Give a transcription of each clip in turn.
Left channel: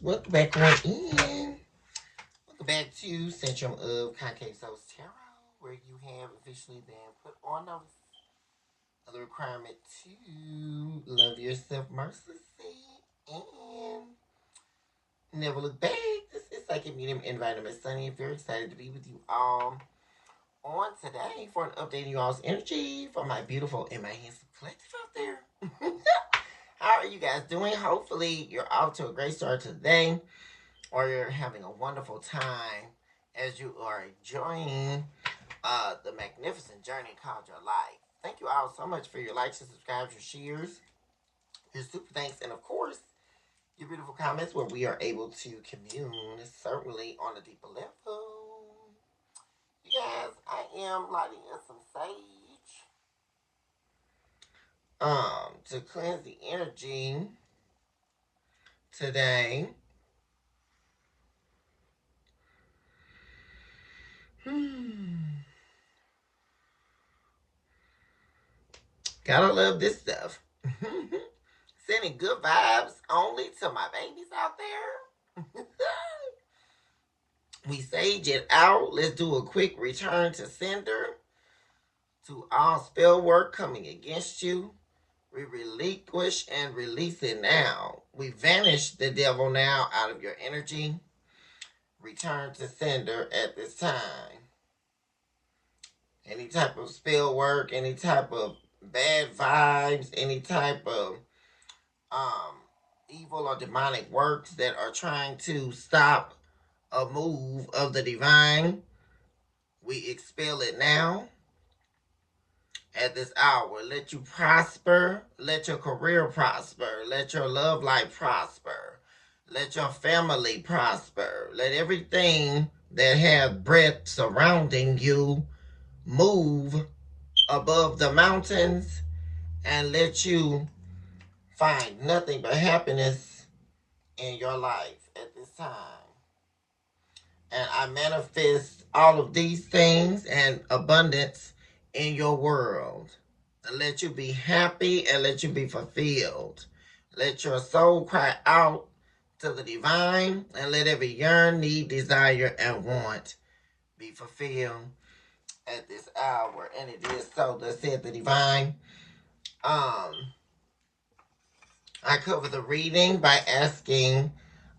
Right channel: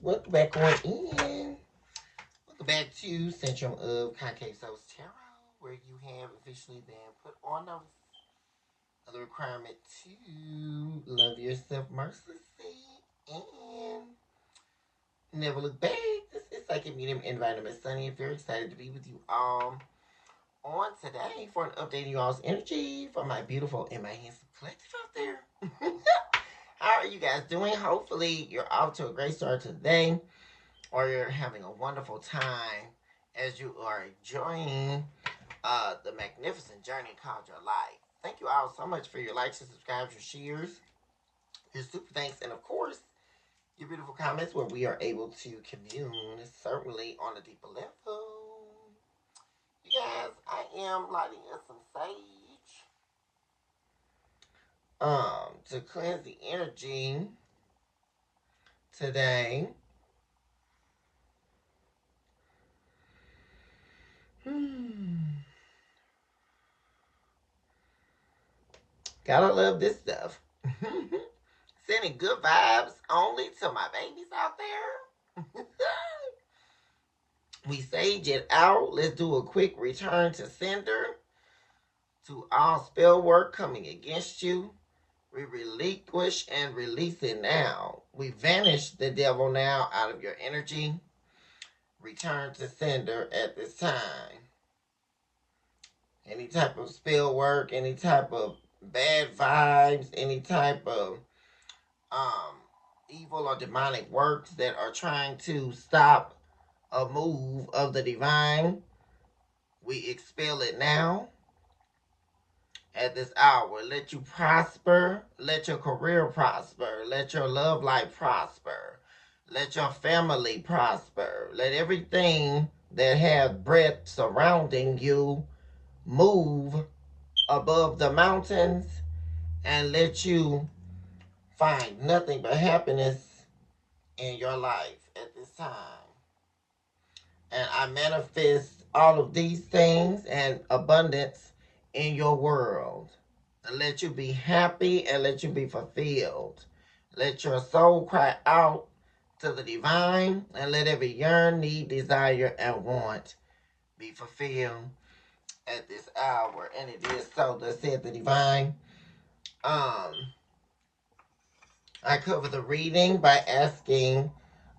Welcome back on in. Welcome back to Centrum of Concave Souls Tarot, where you have officially been put on notice of the requirement to love yourself mercilessly and never look back. This is Psychic Medium Environment Sunny. Very excited to be with you all on today for an update on you all's energy for my beautiful and my handsome collective out there. How are you guys doing? Hopefully you're off to a great start today, or you're having a wonderful time as you are enjoying the magnificent journey called your life. Thank you all so much for your likes and subscribes, your shares, your super thanks, and of course, your beautiful comments where we are able to commune, certainly on a deeper level. You guys, I am lighting up some sage to cleanse the energy today. Gotta love this stuff. Sending good vibes only to my babies out there. We sage it out. Let's do a quick return to sender. To all spell work coming against you, we relinquish and release it now. We vanish the devil now out of your energy. Return to sender at this time. Any type of spell work, any type of bad vibes, any type of evil or demonic works that are trying to stop a move of the divine, we expel it now at this hour. Let you prosper, let your career prosper, let your love life prosper, let your family prosper, let everything that has breath surrounding you move above the mountains, and let you find nothing but happiness in your life at this time. And I manifest all of these things and abundance in your world. And let you be happy and let you be fulfilled. Let your soul cry out to the divine, and let every yearn, need, desire, and want be fulfilled at this hour. And it is so, that said the divine. I cover the reading by asking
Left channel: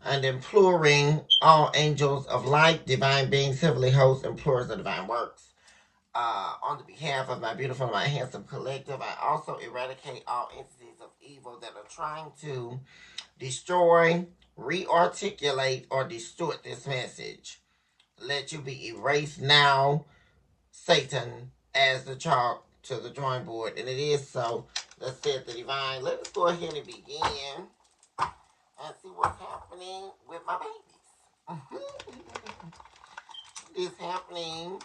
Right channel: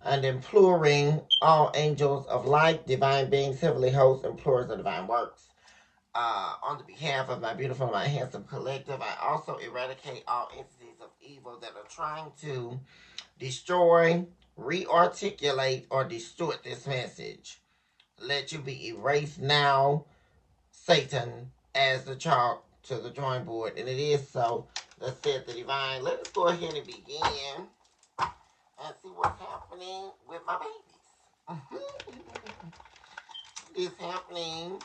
and imploring all angels of light, divine beings, heavenly hosts, implorers of divine works. On the behalf of my beautiful, my handsome collective, I also eradicate all entities of evil that are trying to destroy, rearticulate, or distort this message. Let you be erased now, Satan, as the chalk to the drawing board. And it is so. That said the divine. Let us go ahead and begin and see what's happening with my babies. What is happening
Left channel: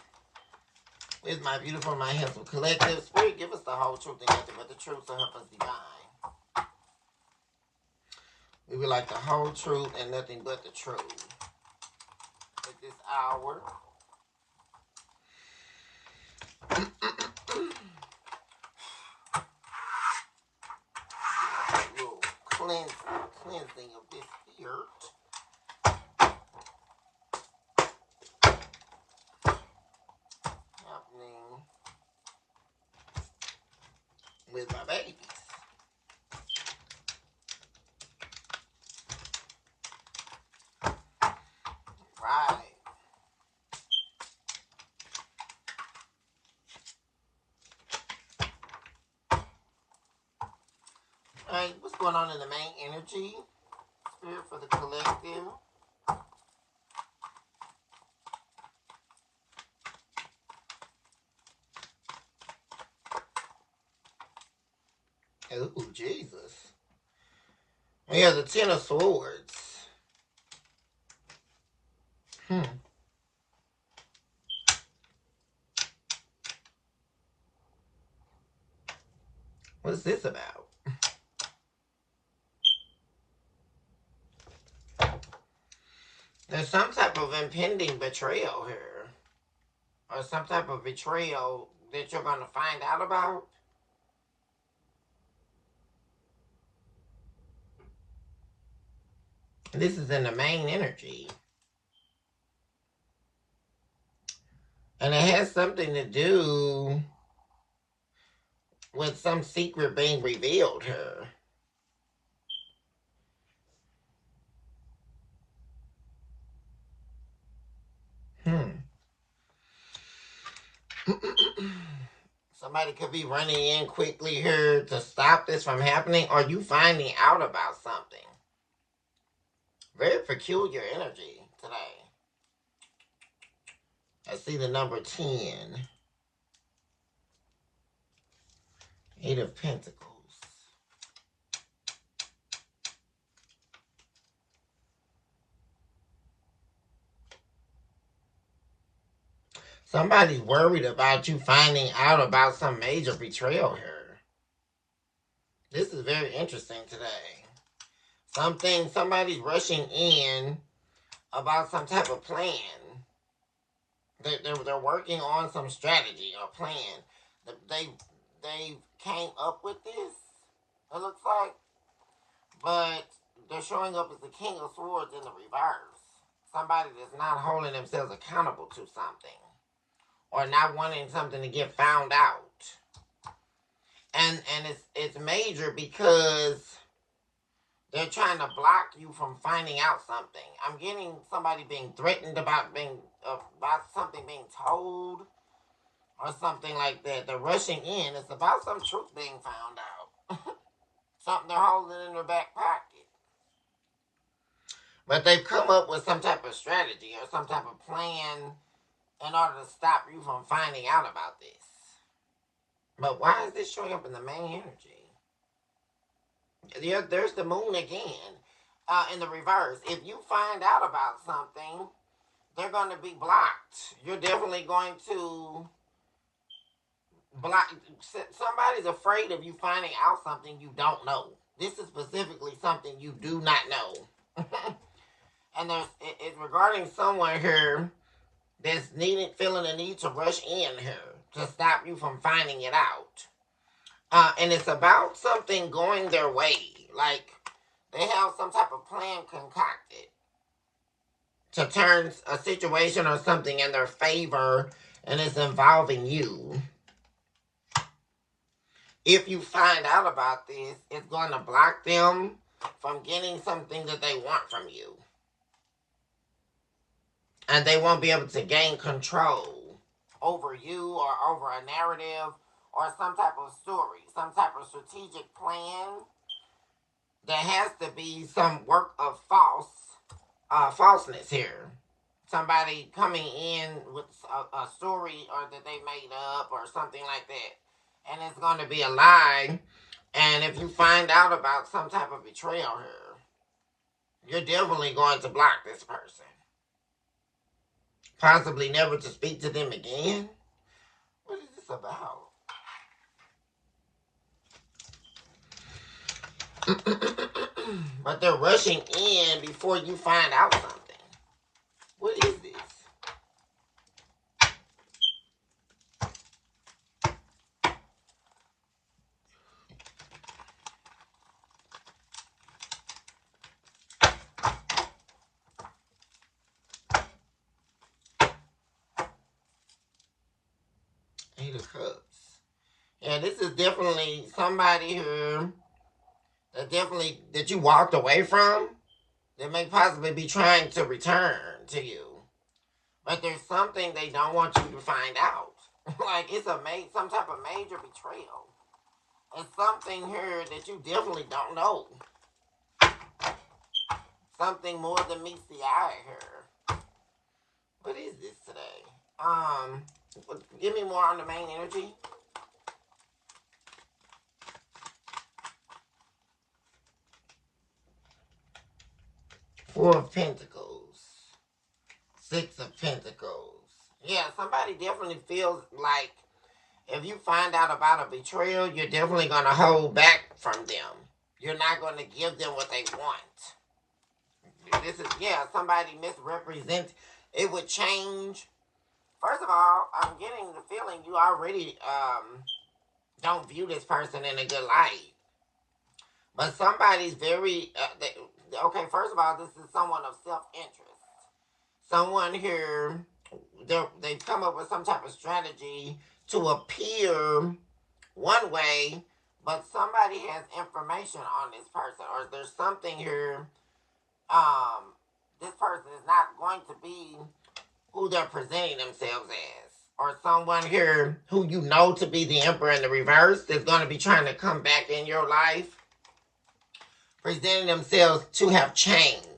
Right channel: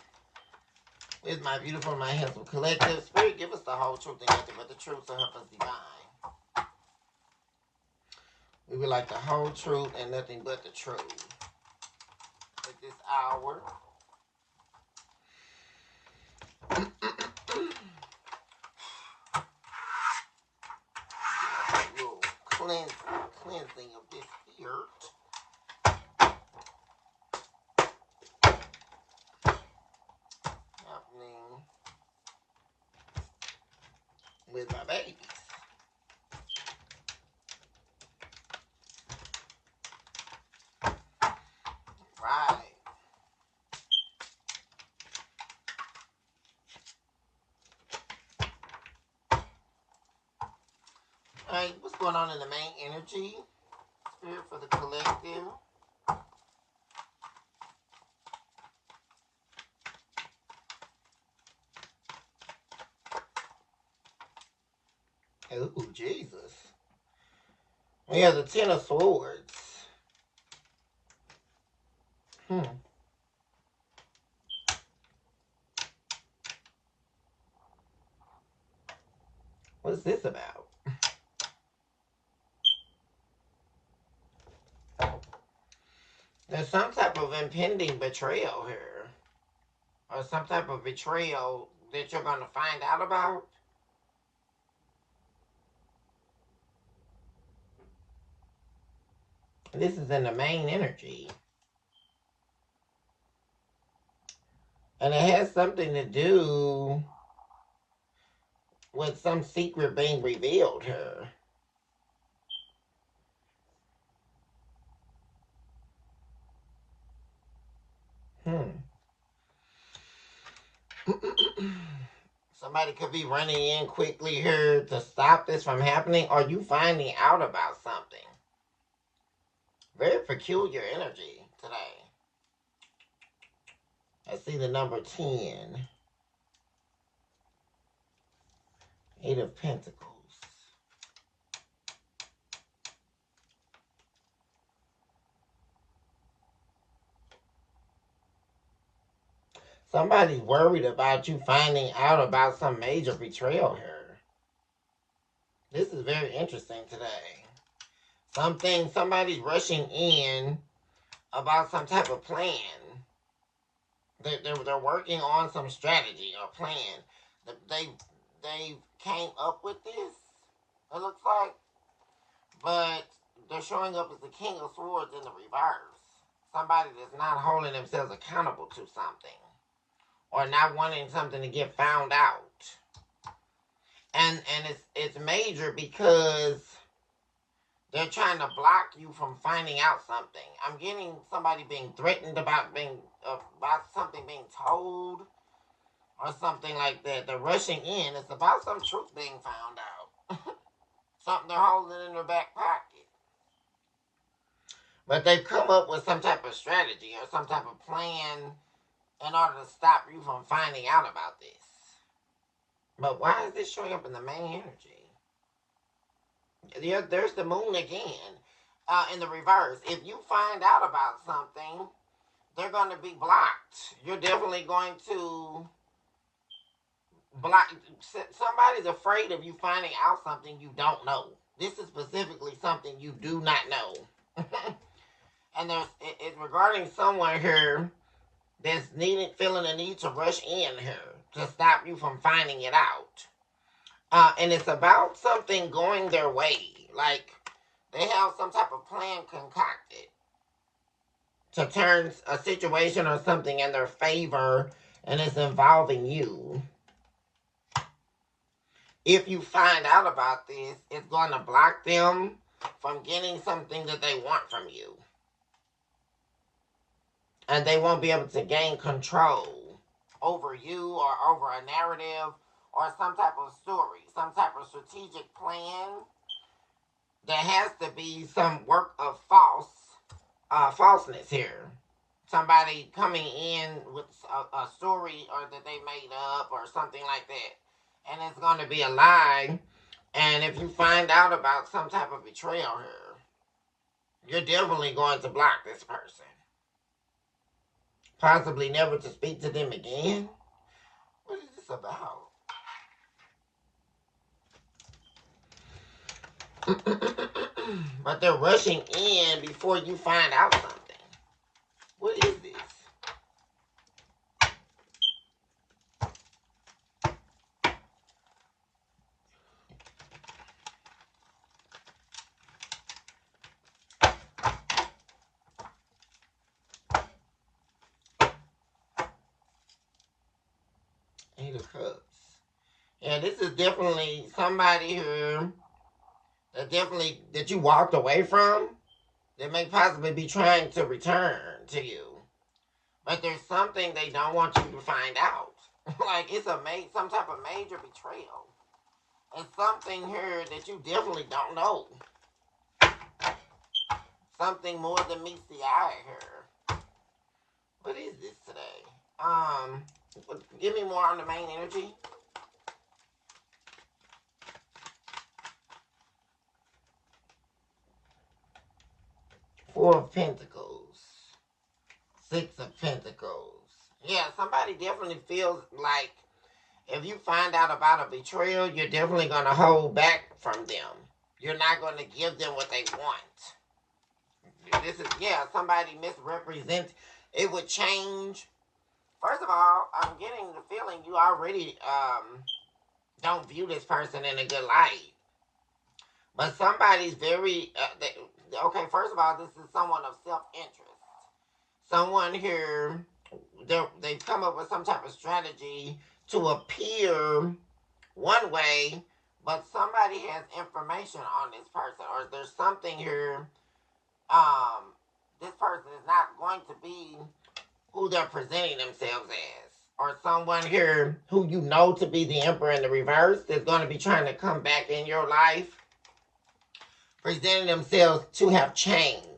with my beautiful, my handsome collective? Spirit, give us the whole truth and nothing but the truth, so help us divine. We would like the whole truth and nothing but the truth. At this hour. Cleansing of this dirt. Happening with my babies. Right. Alright, what's going on in the main energy? Spirit for the collective. Ooh, Jesus. We have the Ten of Swords. What's this about? There's some type of impending betrayal here. Or some type of betrayal that you're going to find out about. This is in the main energy. And it has something to do with some secret being revealed here. Somebody could be running in quickly here to stop this from happening, or you finding out about something. Very peculiar energy today. I see the number 10. 8 of Pentacles. Somebody's worried about you finding out about some major betrayal here. This is very interesting today. Somebody's rushing in about some type of plan. They're working on some strategy or plan. They came up with this, it looks like. But they're showing up as the King of Swords in the reverse. Somebody that's not holding themselves accountable to something. Or not wanting something to get found out. And it's major because they're trying to block you from finding out something. I'm getting somebody being threatened about something being told or something like that. They're rushing in. It's about some truth being found out. Something they're holding in their back pocket. But they've come up with some type of strategy or some type of plan in order to stop you from finding out about this. But why is this showing up in the main energy? Yeah, there's the moon again. In the reverse. If you find out about something, they're going to be blocked. You're definitely going to block. Somebody's afraid of you finding out something you don't know. This is specifically something you do not know. And it's regarding someone here that's feeling the need to rush in here to stop you from finding it out. And it's about something going their way. Like, they have some type of plan concocted to turn a situation or something in their favor, and it's involving you. If you find out about this, it's going to block them from getting something that they want from you. And they won't be able to gain control over you or over a narrative or some type of story, some type of strategic plan. There has to be some work of falseness here. Somebody coming in with a story or that they made up or something like that. And it's going to be a lie. And if you find out about some type of betrayal here, you're definitely going to block this person. Possibly never to speak to them again. What is this about? But they're rushing in before you find out something. What is this? Eight of Cups. Yeah, this is definitely somebody who that you walked away from, that may possibly be trying to return to you. But there's something they don't want you to find out. Like it's some type of major betrayal. It's something here that you definitely don't know. Something more than meets the eye here. What is this today? Give me more on the main energy. Four of Pentacles. Six of Pentacles. Yeah, somebody definitely feels like if you find out about a betrayal, you're definitely going to hold back from them. You're not going to give them what they want. This is, somebody misrepresents. It would change. First of all, I'm getting the feeling you already don't view this person in a good light. But somebody's very, okay, first of all, this is someone of self-interest. Someone here, they've come up with some type of strategy to appear one way, but somebody has information on this person, or there's something here. This person is not going to be who they're presenting themselves as, or someone here who you know to be the Emperor in the reverse is going to be trying to come back in your life, presenting themselves to have changed.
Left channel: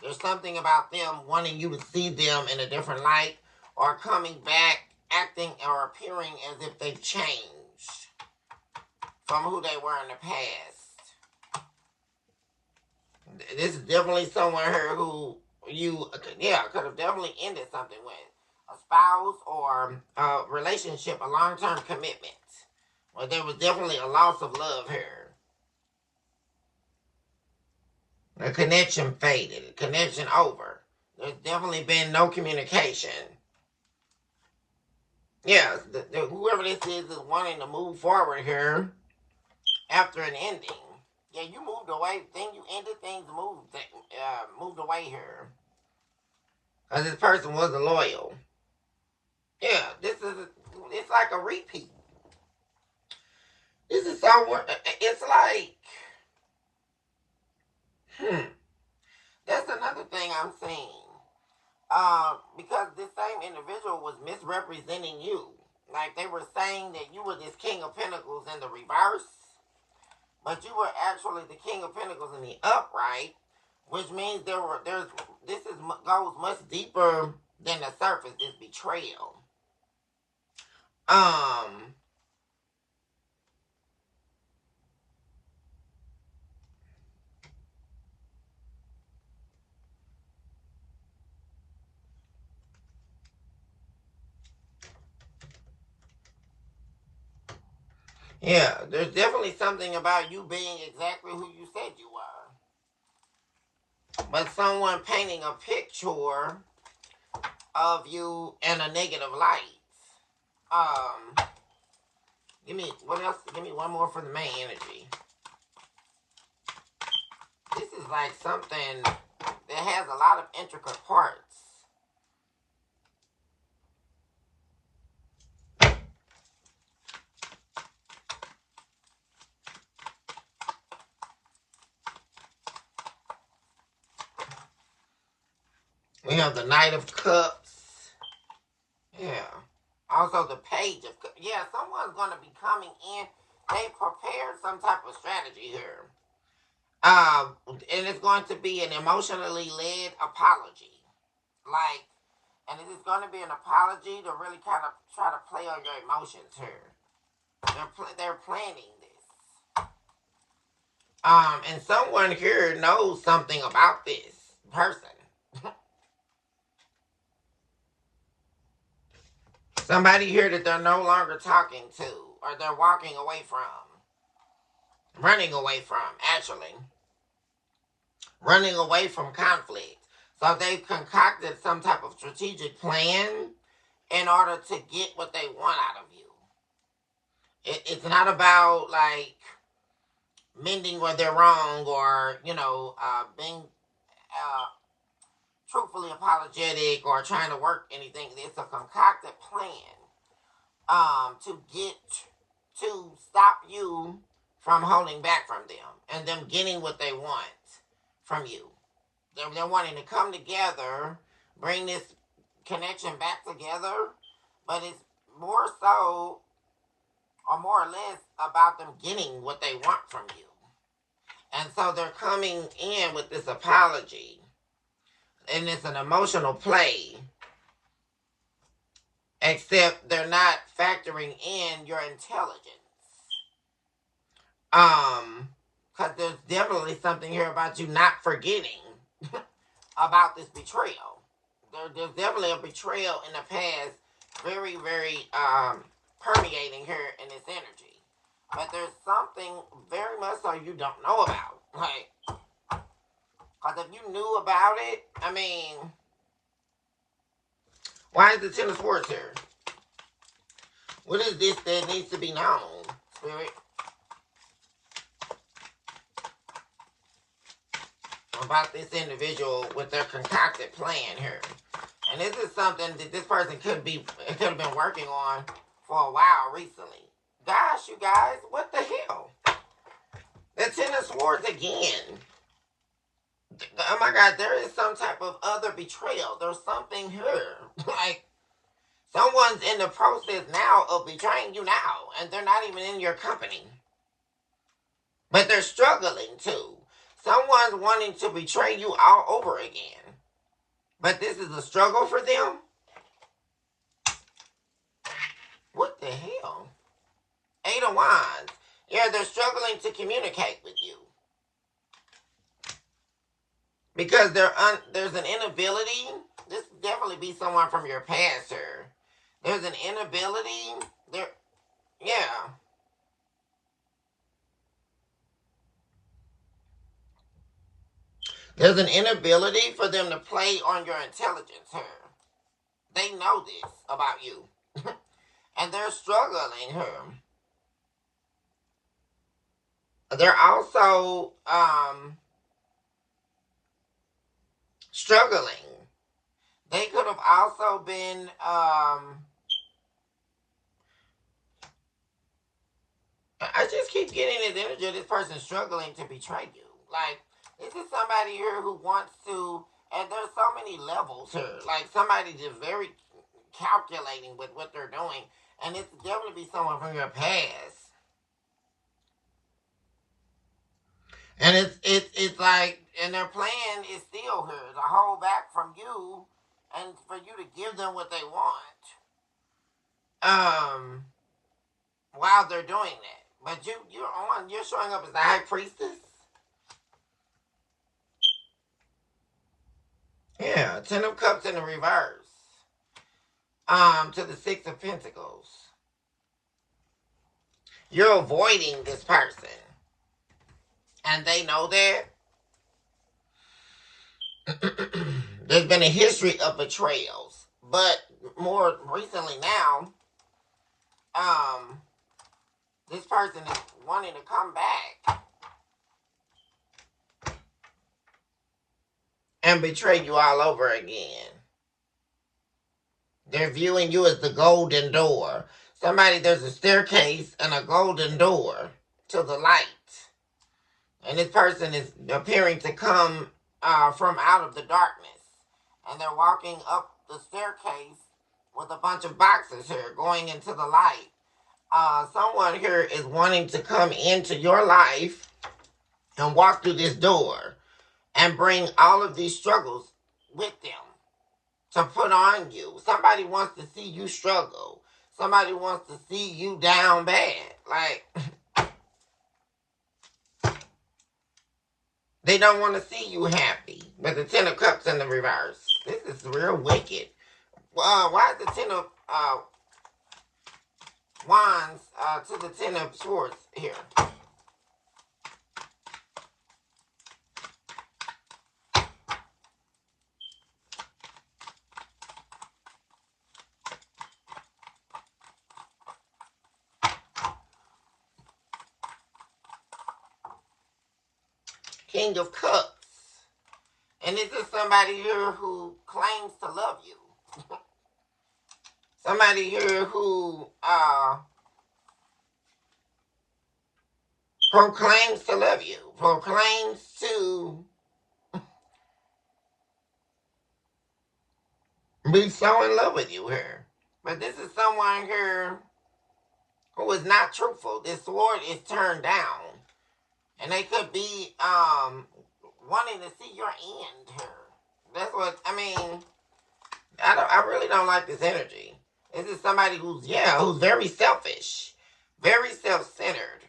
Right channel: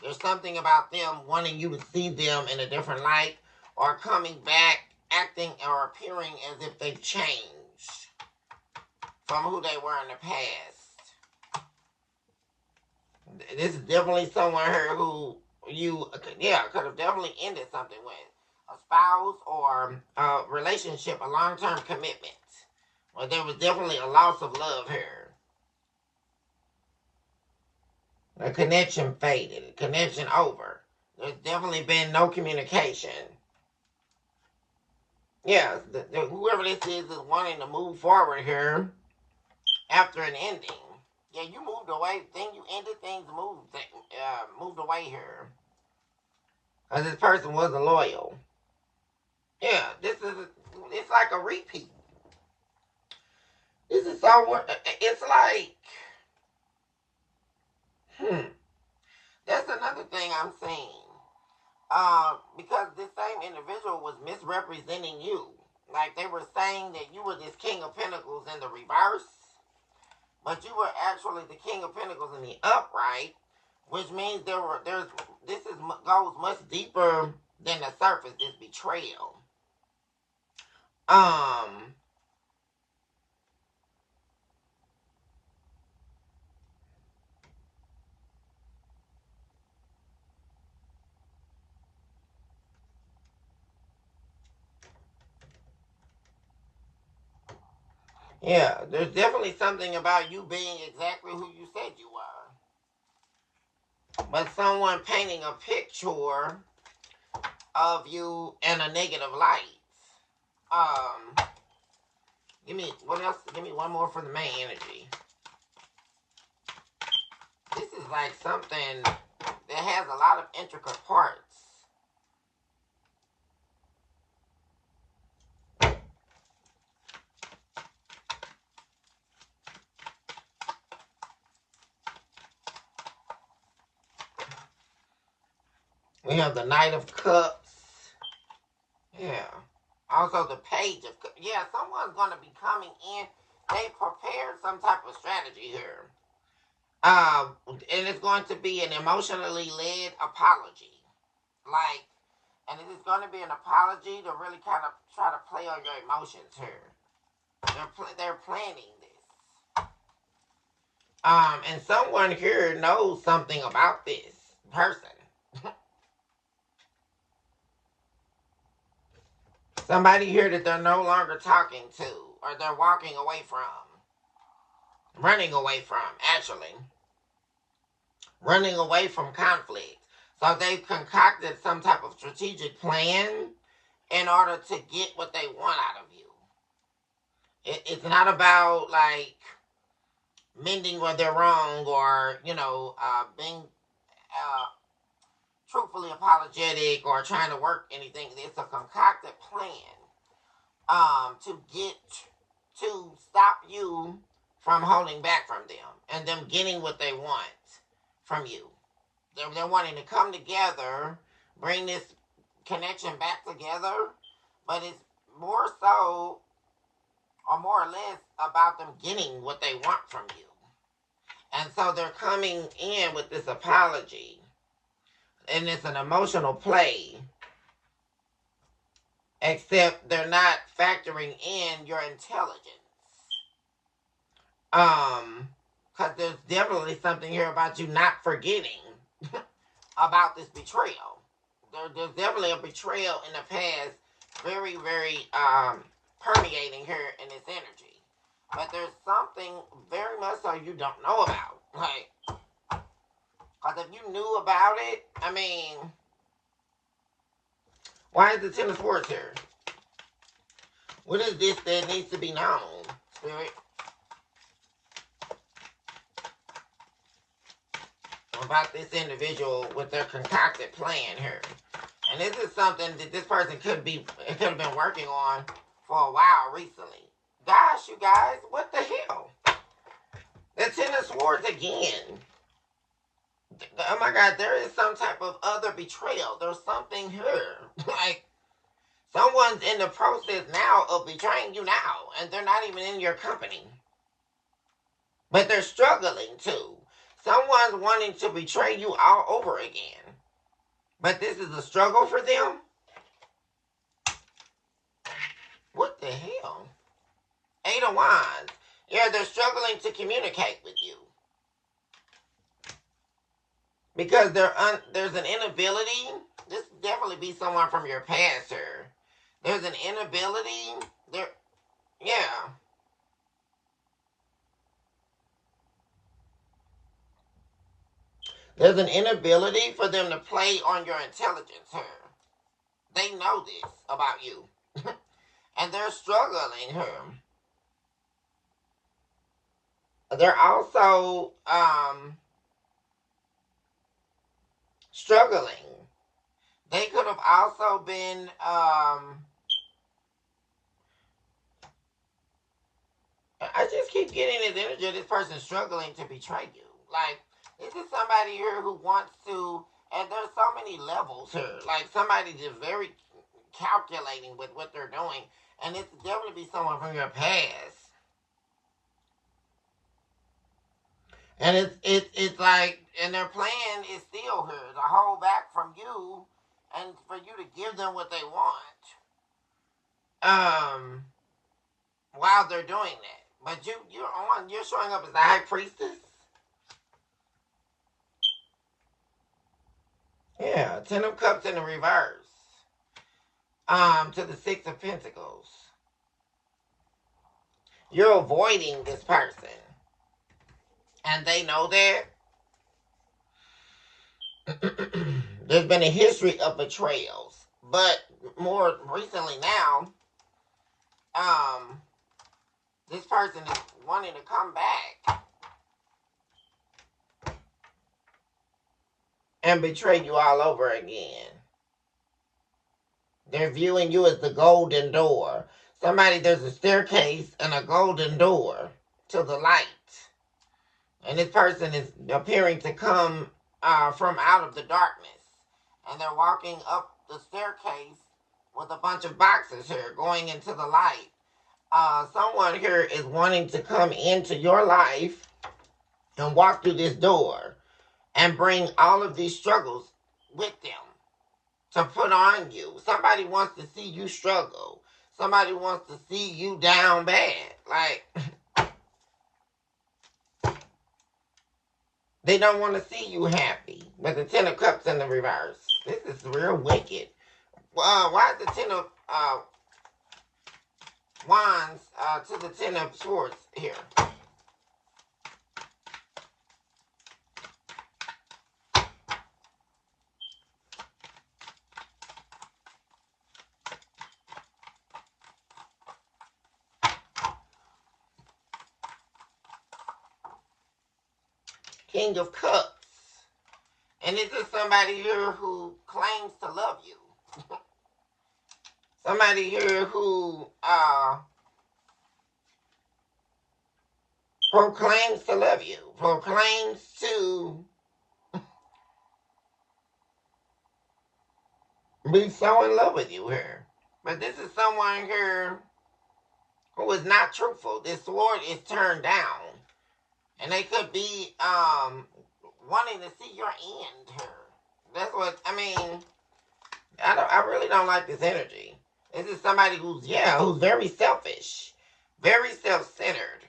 There's something about them wanting you to see them in a different light, or coming back, acting or appearing as if they've changed from who they were in the past. This is definitely someone here who you, could have definitely ended something with. A spouse or a relationship, a long-term commitment. Well, there was definitely a loss of love here. A connection faded. A connection over. There's definitely been no communication. Yeah, whoever this is wanting to move forward here after an ending. Yeah, you moved away. Then you ended things, moved away here. Because this person wasn't loyal. Yeah, it's like a repeat. This is so, it's like, that's another thing I'm saying. Because this same individual was misrepresenting you. Like, they were saying that you were this King of Pentacles in the reverse, but you were actually the King of Pentacles in the upright, which means goes much deeper than the surface. This betrayal. Yeah, there's definitely something about you being exactly who you said you were. But someone painting a picture of you in a negative light. Give me, what else? Give me one more for the main energy. This is like something that has a lot of intricate parts. We have the Knight of Cups. Yeah. Also the Page of Cups. Yeah, someone's going to be coming in. They prepared some type of strategy here. And it's going to be an emotionally led apology. And it is going to be an apology to really kind of try to play on your emotions here. They're planning this. And someone here knows something about this person. Somebody here that they're no longer talking to, or they're walking away from. Running away from, actually. Running away from conflict. So they've concocted some type of strategic plan in order to get what they want out of you. It's not about, like, mending where they're wrong, or, being truthfully apologetic or trying to work anything. It's a concocted plan to stop you from holding back from them and them getting what they want from you. They're wanting to come together, bring this connection back together, but it's more so, or more or less, about them getting what they want from you. And so they're coming in with this apology, and it's an emotional play, except they're not factoring in your intelligence. Because there's definitely something here about you not forgetting about this betrayal. There's definitely a betrayal in the past, very, very permeating here in this energy. But there's something very much so you don't know about. Like, because if you knew about it, I mean, why is the Ten of Swords here? What is this that needs to be known, Spirit? about this individual with their concocted plan here. And this is something that this person could have been working on for a while recently. Gosh, you guys, what the hell? The Ten of Swords again. Oh my God, there is some type of other betrayal. There's something here. Like, someone's in the process now of betraying you now, and they're not even in your company. But they're struggling too. Someone's wanting to betray you all over again. But this is a struggle for them? What the hell? Eight of Wands. Yeah, they're struggling to communicate with you. Because there's an inability. This could definitely be someone from your past here. There's an inability. Yeah. There's an inability for them to play on your intelligence here. They know this about you. And they're struggling here. They're also struggling. They could have also been I just keep getting this energy of this person struggling to betray you. Like, this is somebody here who wants to, and there's so many levels here. Like, somebody just very calculating with what they're doing. And it's definitely be someone from your past. And it's like, and their plan is still here to hold back from you and for you to give them what they want. While they're doing that. But you're showing up as the High Priestess. Yeah, Ten of Cups in the reverse. To the Six of Pentacles. You're avoiding this person. And they know that. There's been a history of betrayals. But more recently now, this person is wanting to come back and betray you all over again. They're viewing you as the golden door. There's a staircase and a golden door to the light. And this person is appearing to come from out of the darkness. And they're walking up the staircase with a bunch of boxes here going into the light. Someone here is wanting to come into your life and walk through this door and bring all of these struggles with them to put on you. Somebody wants to see you struggle. Somebody wants to see you down bad. Like, they don't want to see you happy. But the Ten of Cups in the reverse. This is real wicked. Why is the Ten of Wands to the Ten of Swords here? King of Cups. And this is somebody here who claims to love you. Somebody here who proclaims to love you. Proclaims to be so in love with you here. But this is someone here who is not truthful. This sword is turned down. And they could be wanting to see your end here. That's what, I mean, I really don't like this energy. This is somebody who's very selfish. Very self-centered.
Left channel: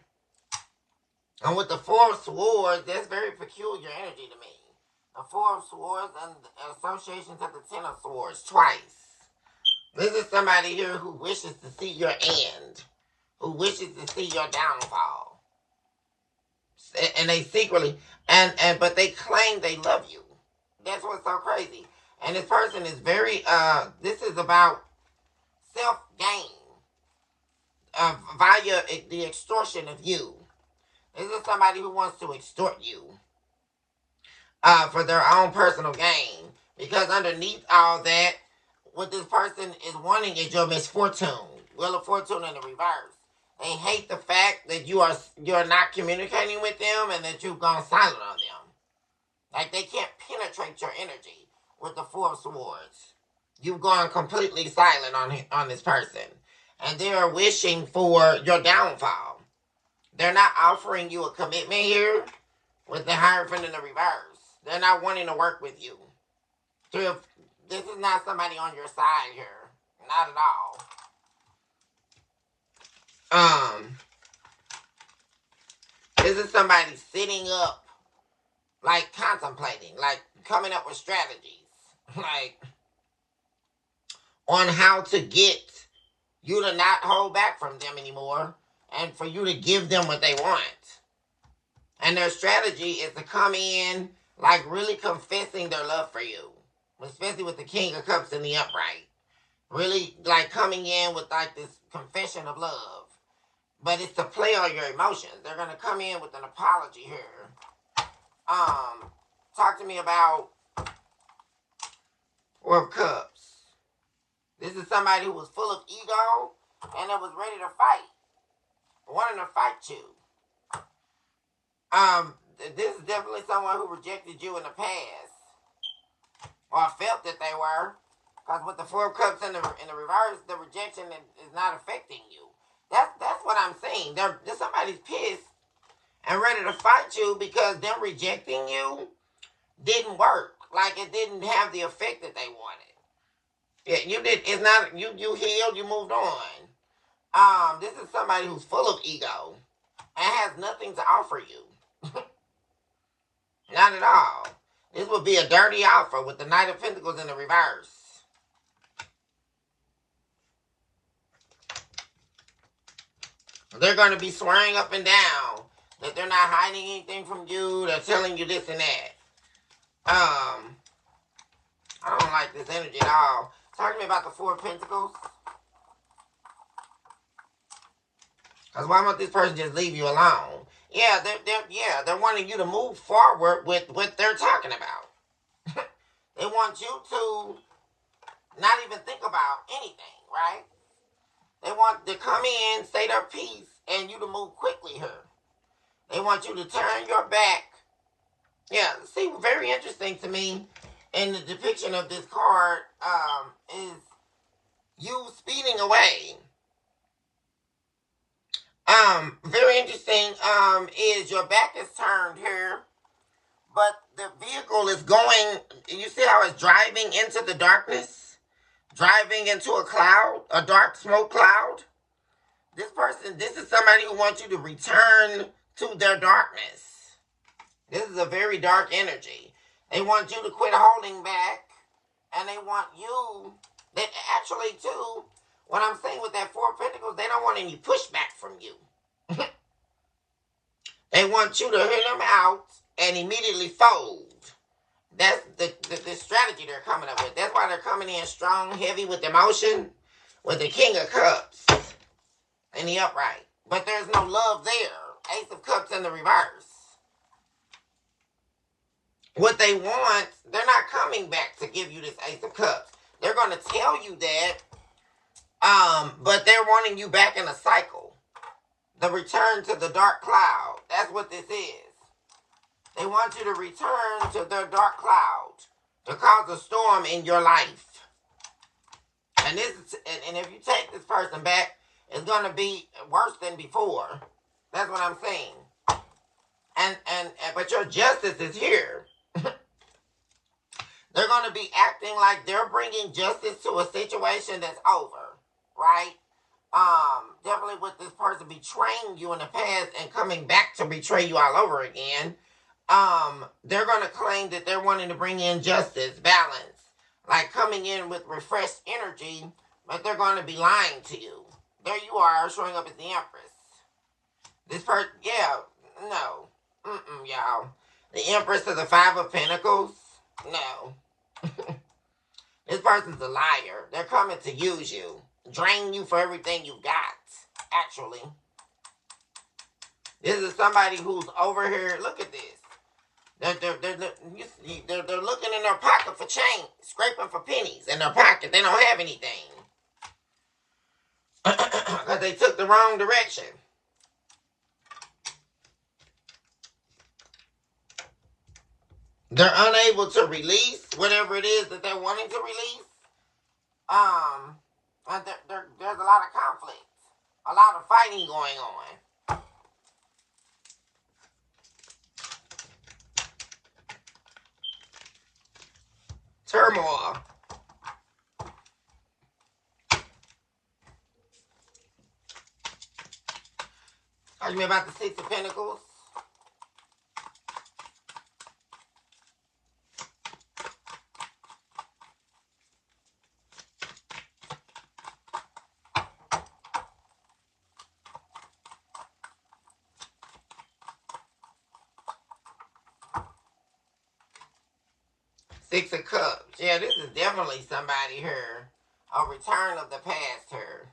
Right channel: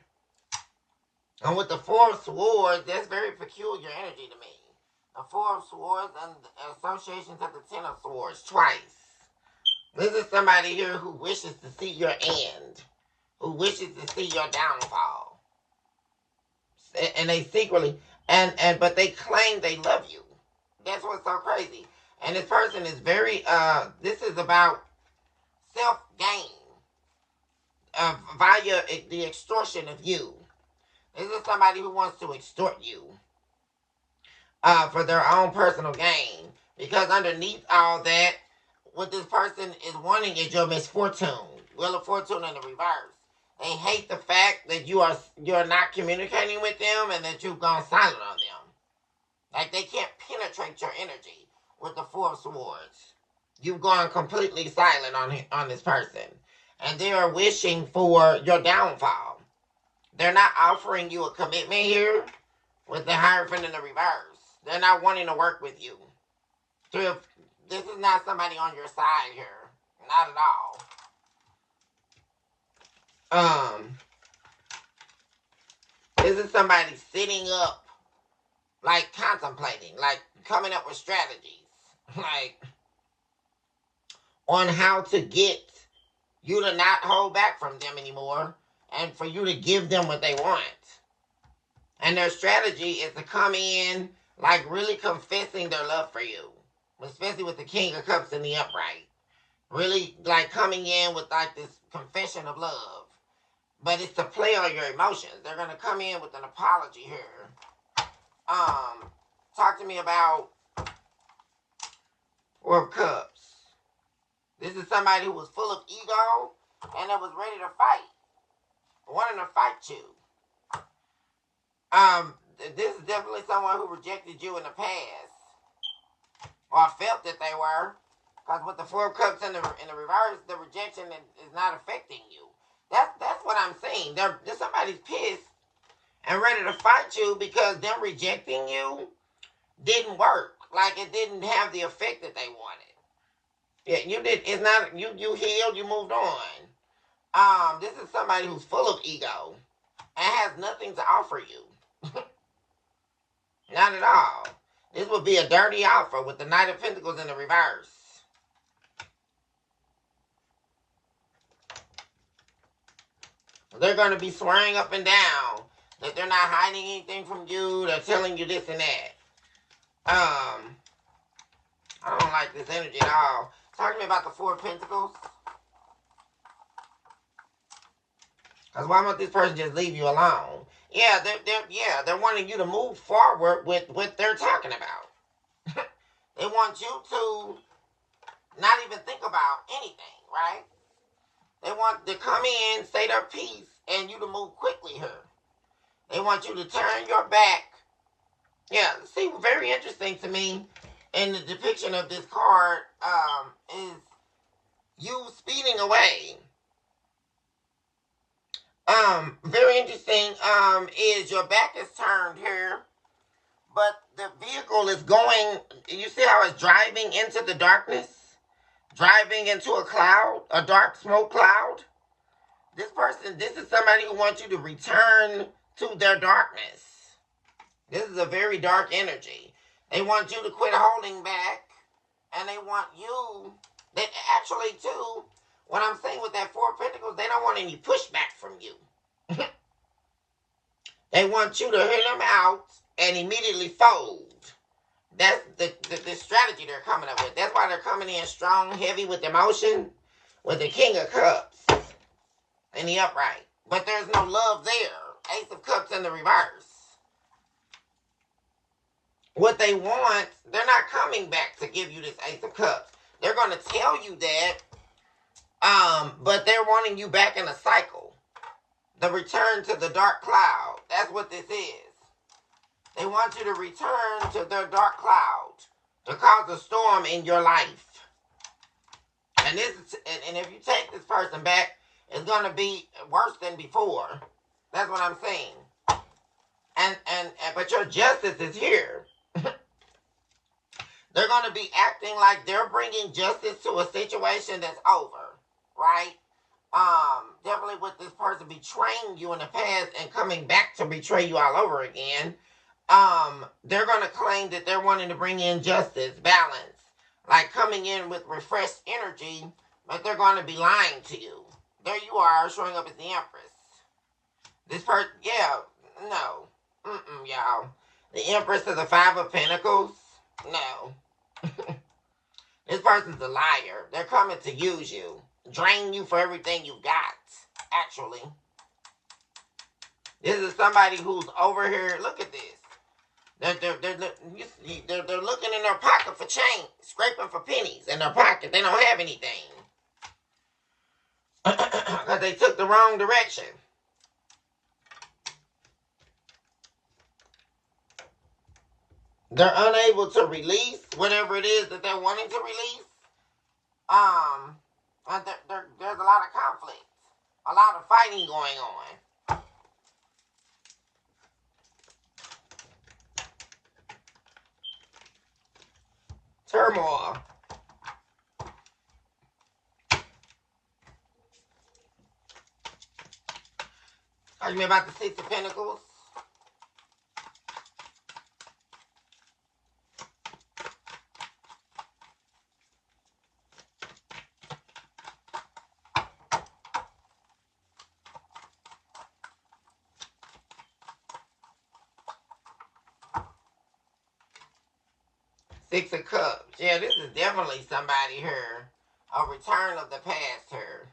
And with the Four of Swords, that's very peculiar energy to me. The Four of Swords and the association to the Ten of Swords twice. This is somebody here who wishes to see your end. Who wishes to see your downfall. And they secretly, but they claim they love you. That's what's so crazy. And this person is very, this is about self-gain. Via the extortion of you. This is somebody who wants to extort you. for their own personal gain. Because underneath all that, what this person is wanting is your misfortune. Wheel of Fortune in the reverse. They hate the fact that you're not communicating with them and that you've gone silent on them. Like they can't penetrate your energy with the Four of Swords. You've gone completely silent on this person. And they're wishing for your downfall. They're not offering you a commitment here with the Hierophant in the reverse. They're not wanting to work with you. So this is not somebody on your side here. Not at all. This is somebody sitting up, like contemplating, like coming up with strategies, like on how to get you to not hold back from them anymore and for you to give them what they want. And their strategy is to come in like really confessing their love for you, especially with the King of Cups in the upright. Really like coming in with like this confession of love. But it's to play on your emotions. They're going to come in with an apology here. Talk to me about Four of Cups. This is somebody who was full of ego and that was ready to fight. Wanting to fight you. This is definitely someone who rejected you in the past. Or felt that they were. Because with the Four of Cups in the reverse, the rejection is not affecting you. That's what I'm saying. They're somebody's pissed and ready to fight you because them rejecting you didn't work. Like it didn't have the effect that they wanted. Yeah, you did. It's not you healed. You moved on. This is somebody who's full of ego and has nothing to offer you. Not at all. This would be a dirty offer with the Knight of Pentacles in the reverse. They're going to be swearing up and down that they're not hiding anything from you. They're telling you this and that. I don't like this energy at all. Talk to me about the Four of Pentacles. Because why won't this person just leave you alone? Yeah, they're wanting you to move forward with what they're talking about. They want you to not even think about anything, right? They want to come in, say their piece, and you to move quickly here. They want you to turn your back. Yeah, see, very interesting to me in the depiction of this card is you speeding away. Very interesting is your back is turned here, but the vehicle is going, you see how it's driving into the darkness? Driving into a cloud, a dark smoke cloud. This is somebody who wants you to return to their darkness. This is a very dark energy. They want you to quit holding back, and they want you, that actually too, what I'm saying with that Four of Pentacles, they don't want any pushback from you. They want you to hit them out and immediately fold. That's the strategy they're coming up with. That's why they're coming in strong, heavy with emotion, with the King of Cups and the upright. But there's no love there. Ace of Cups in the reverse. What they want, they're not coming back to give you this Ace of Cups. They're going to tell you that, but they're wanting you back in a cycle. The return to the dark cloud. That's what this is. They want you to return to their dark cloud to cause a storm in your life. And if you take this person back, it's going to be worse than before. That's what I'm saying. But your justice is here. They're going to be acting like they're bringing justice to a situation that's over, right? Definitely with this person betraying you in the past and coming back to betray you all over again. They're going to claim that they're wanting to bring in justice, balance, like coming in with refreshed energy, but they're going to be lying to you. There you are, showing up as the Empress. This person, yeah, no. Y'all. The Empress of the Five of Pentacles, no. This person's a liar. They're coming to use you, drain you for everything you've got, actually. This is somebody who's over here, look at this. They're looking in their pocket for change, scraping for pennies in their pocket. They don't have anything because they took the wrong direction. They're unable to release whatever it is that they're wanting to release. And there's a lot of conflict, a lot of fighting going on. Turmoil. Talk to me about the Six of Pentacles. Six of Cups. Yeah, this is definitely somebody here. A return of the past here.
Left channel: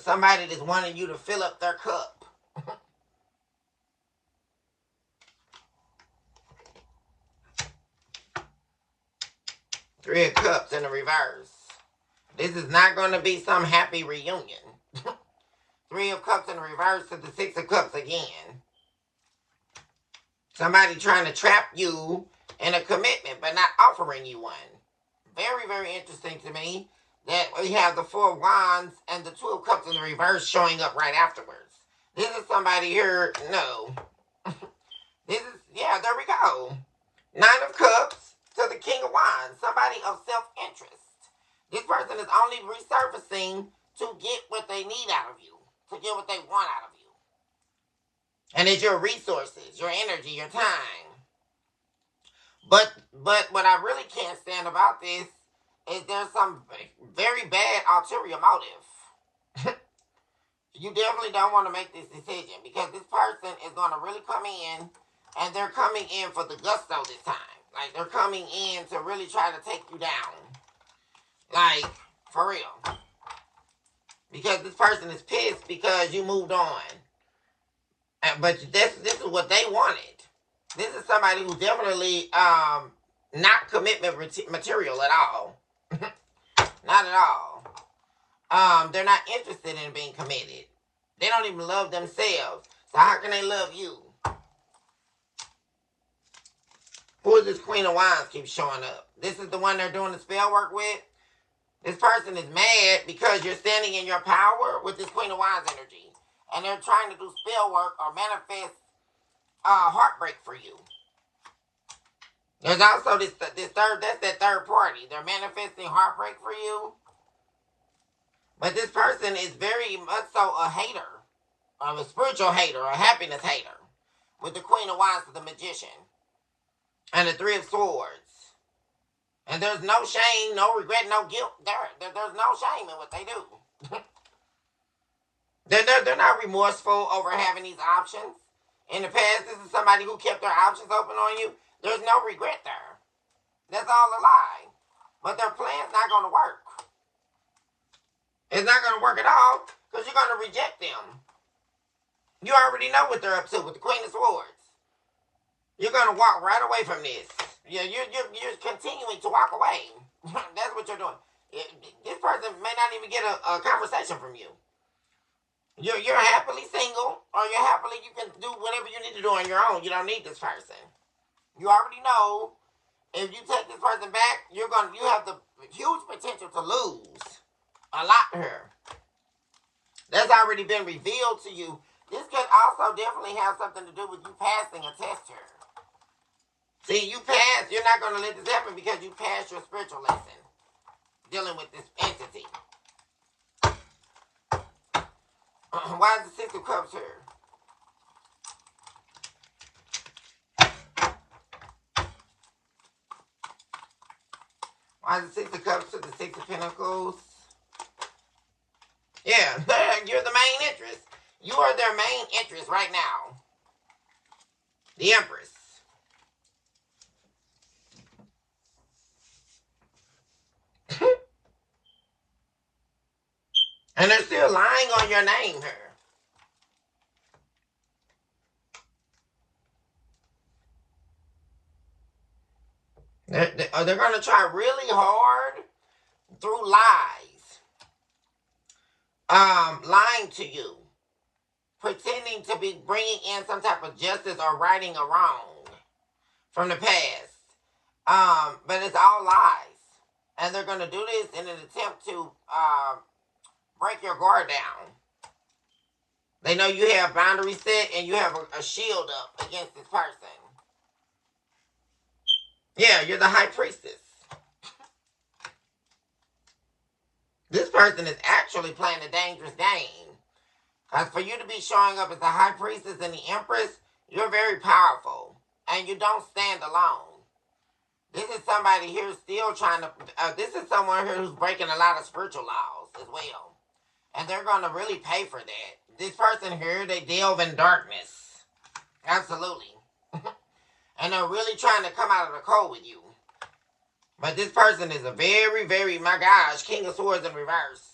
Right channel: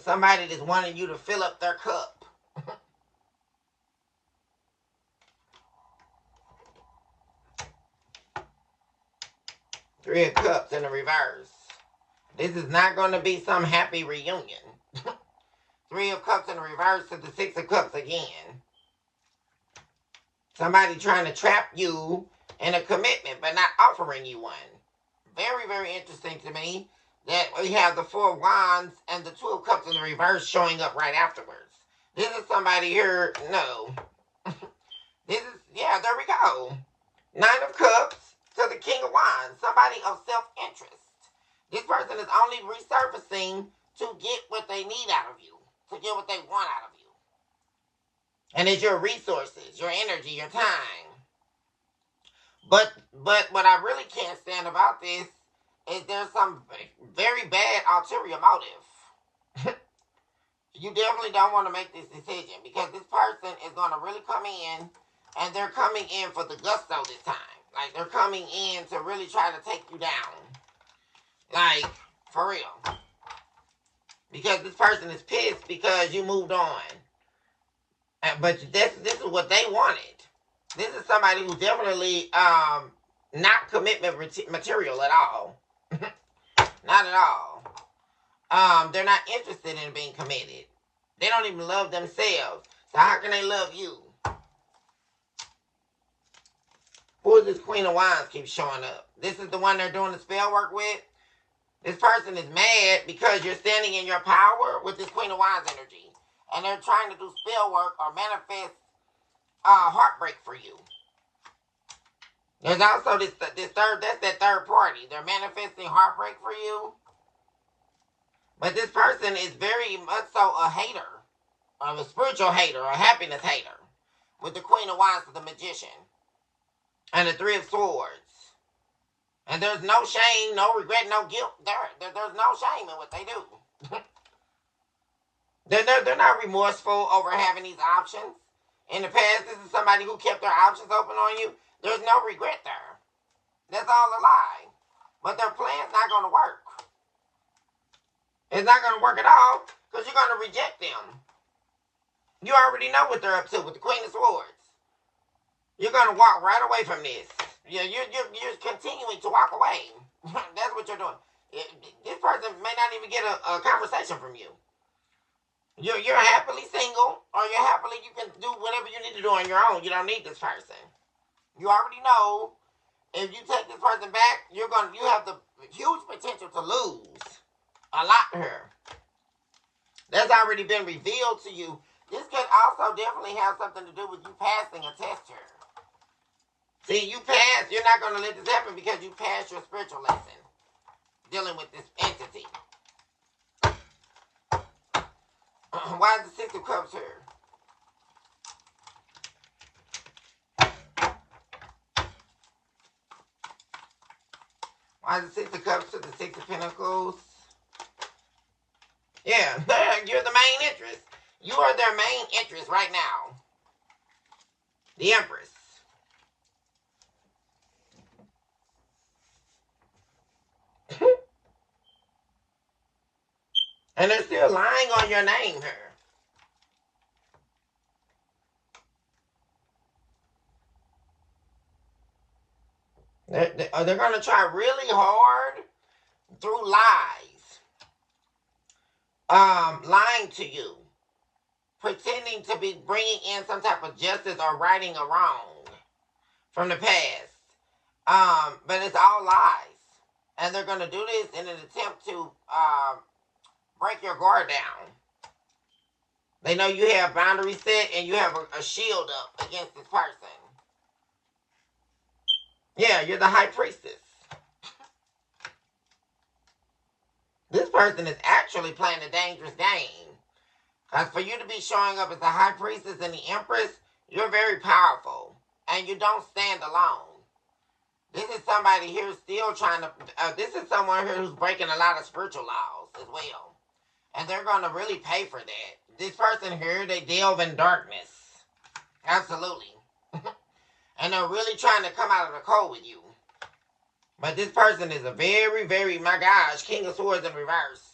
Somebody that's wanting you to fill up their cup. Three of Cups in the reverse. This is not going to be some happy reunion. Three of Cups in the reverse to the Six of Cups again. Somebody trying to trap you in a commitment but not offering you one. Very, very interesting to me that we have the Four of Wands and the Two of Cups in the reverse showing up right afterwards. This is somebody here, no. This is, yeah, there we go. Nine of Cups to the King of Wands. Somebody of self-interest. This person is only resurfacing to get what they need out of you. To get what they want out of you. And it's your resources, your energy, your time. But what I really can't stand about this is there's some very bad ulterior motive. You definitely don't want to make this decision because this person is going to really come in and they're coming in for the gusto this time. Like, they're coming in to really try to take you down. Like, for real. Because this person is pissed because you moved on. But this is what they wanted. This is somebody who's definitely not commitment material at all. Not at all. They're not interested in being committed. They don't even love themselves. So how can they love you? Who is this Queen of Wands keeps showing up? This is the one they're doing the spell work with. This person is mad because you're standing in your power with this Queen of Wands energy. And they're trying to do spell work or manifest heartbreak for you. There's also this third, that's that third party. They're manifesting heartbreak for you. But this person is very much so a hater. A spiritual hater, a happiness hater. With the Queen of Wands to the Magician. And the Three of Swords. And there's no shame, no regret, no guilt. There's no shame in what they do. They're not remorseful over having these options. In the past, this is somebody who kept their options open on you. There's no regret there. That's all a lie. But their plan's not going to work. It's not going to work at all because you're going to reject them. You already know what they're up to with the Queen of Swords. You're going to walk right away from this. You're continuing to walk away. That's what you're doing. This person may not even get a conversation from you. You're happily single, or you can do whatever you need to do on your own. You don't need this person. You already know if you take this person back, you have the huge potential to lose a lot here. That's already been revealed to you. This could also definitely have something to do with you passing a test here. See, you passed. You're not going to let this happen because you passed your spiritual lesson dealing with this entity. Why is the Six of Cups here? Why is the Six of Cups to the Six of Pentacles? Yeah, you're the main interest. You are their main interest right now. The Empress. And they're still lying on your name here. They're going to try really hard through lies, lying to you, pretending to be bringing in some type of justice or righting a wrong from the past. But it's all lies. And they're going to do this in an attempt to break your guard down. They know you have boundaries set and you have a shield up against this person. Yeah, you're the high priestess. This person is actually playing a dangerous game. Because for you to be showing up as the high priestess and the empress, you're very powerful. And you don't stand alone. This is somebody here still trying to... this is someone here who's breaking a lot of spiritual laws as well. And they're going to really pay for that. This person here, they delve in darkness. Absolutely. And they're really trying to come out of the cold with you. But this person is a very, very, my gosh, King of Swords in reverse.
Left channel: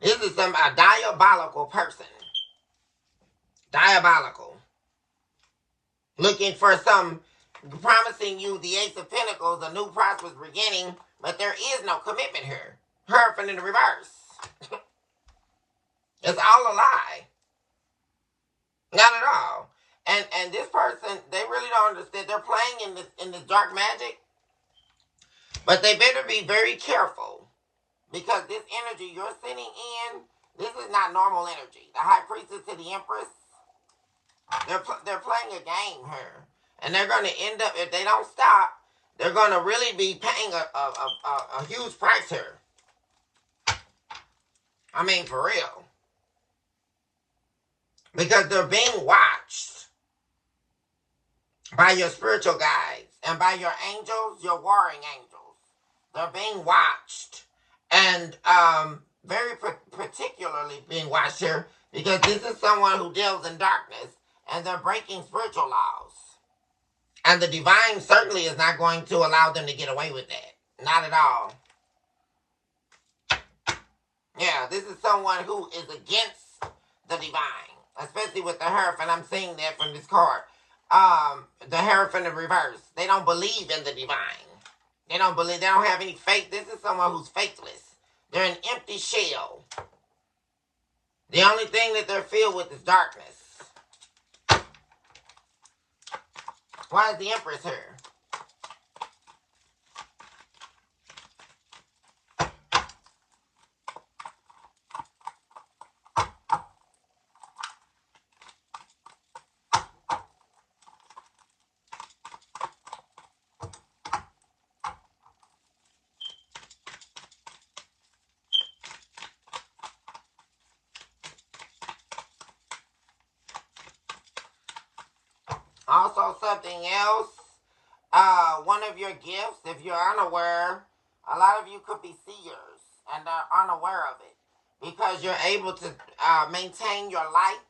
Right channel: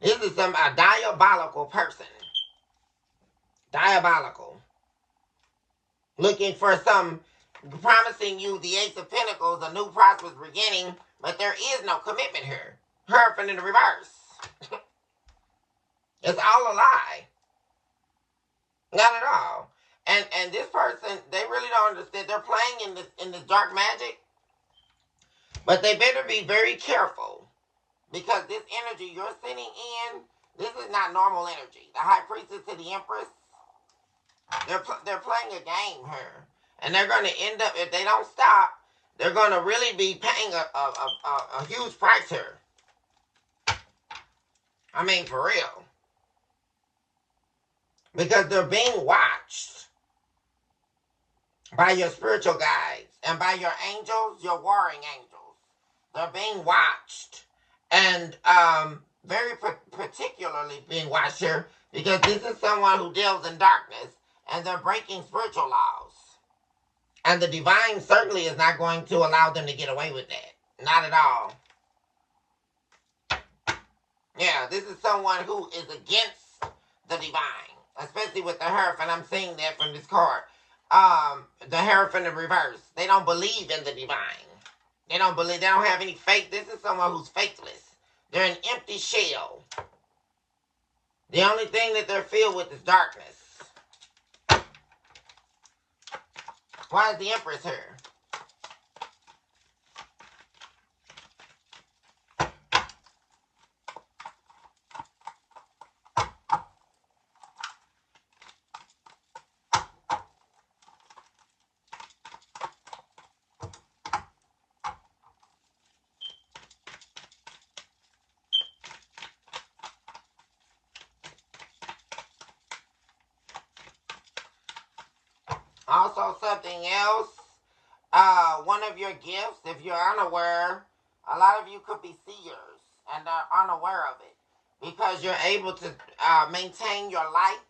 This is a diabolical person. Diabolical. Looking for some, promising you the Ace of Pentacles, a new prosperous beginning, but there is no commitment here. Hierophant in the reverse. It's all a lie. Not at all. And this person, they really don't understand. They're playing in this dark magic. But they better be very careful. Because this energy you're sitting in, this is not normal energy. The High Priestess to the Empress, they're playing a game here. And they're going to end up, if they don't stop, they're going to really be paying a huge price here. I mean, for real. Because they're being watched by your spiritual guides and by your angels, your warring angels. They're being watched. And very particularly being watched here because this is someone who deals in darkness and they're breaking spiritual laws. And the divine certainly is not going to allow them to get away with that. Not at all. Yeah, this is someone who is against the divine. Especially with the Hierophant. I'm seeing that from this card. The Hierophant in reverse. They don't believe in the divine. They don't have any faith. This is someone who's faithless. They're an empty shell. The only thing that they're filled with is darkness. Why is the Empress here? Also, something else, one of your gifts, if you're unaware, a lot of you could be seers and are unaware of it because you're able to maintain your light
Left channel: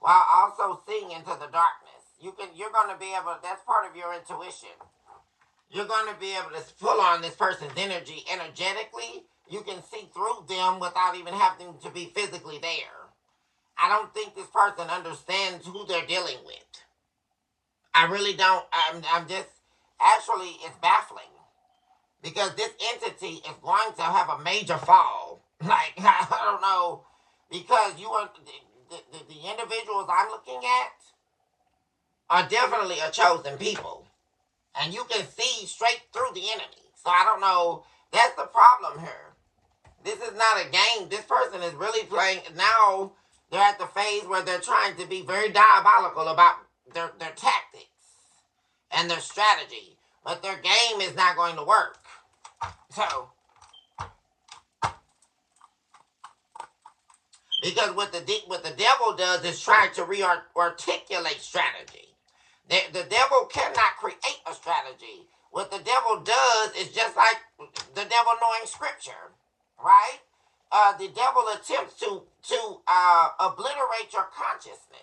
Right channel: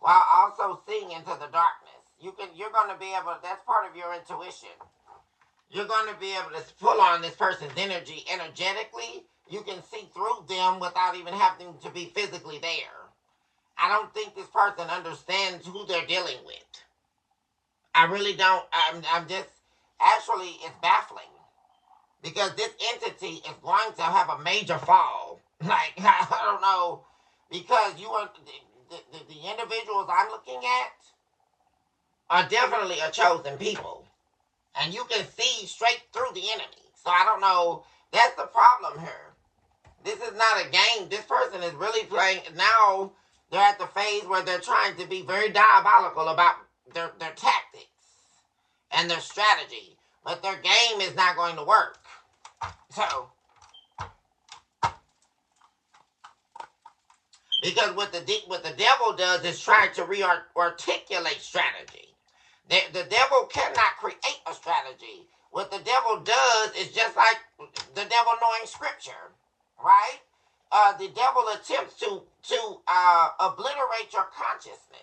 while also seeing into the darkness. You're going to be able, that's part of your intuition. You're going to be able to pull on this person's energy energetically. You can see through them without even having to be physically there. I don't think this person understands who they're dealing with. I really don't. I'm just, actually, it's baffling. Because this entity is going to have a major fall. Like, I don't know. Because you are, the individuals I'm looking at are definitely a chosen people. And you can see straight through the enemy. So I don't know. That's the problem here. This is not a game. This person is really playing. Now they're at the phase where they're trying to be very diabolical about their tactics and their strategy, but their game is not going to work. So, because what the devil does is try to re-articulate strategy. The devil cannot create a strategy. What the devil does is just like the devil knowing scripture, right? The devil attempts to obliterate your consciousness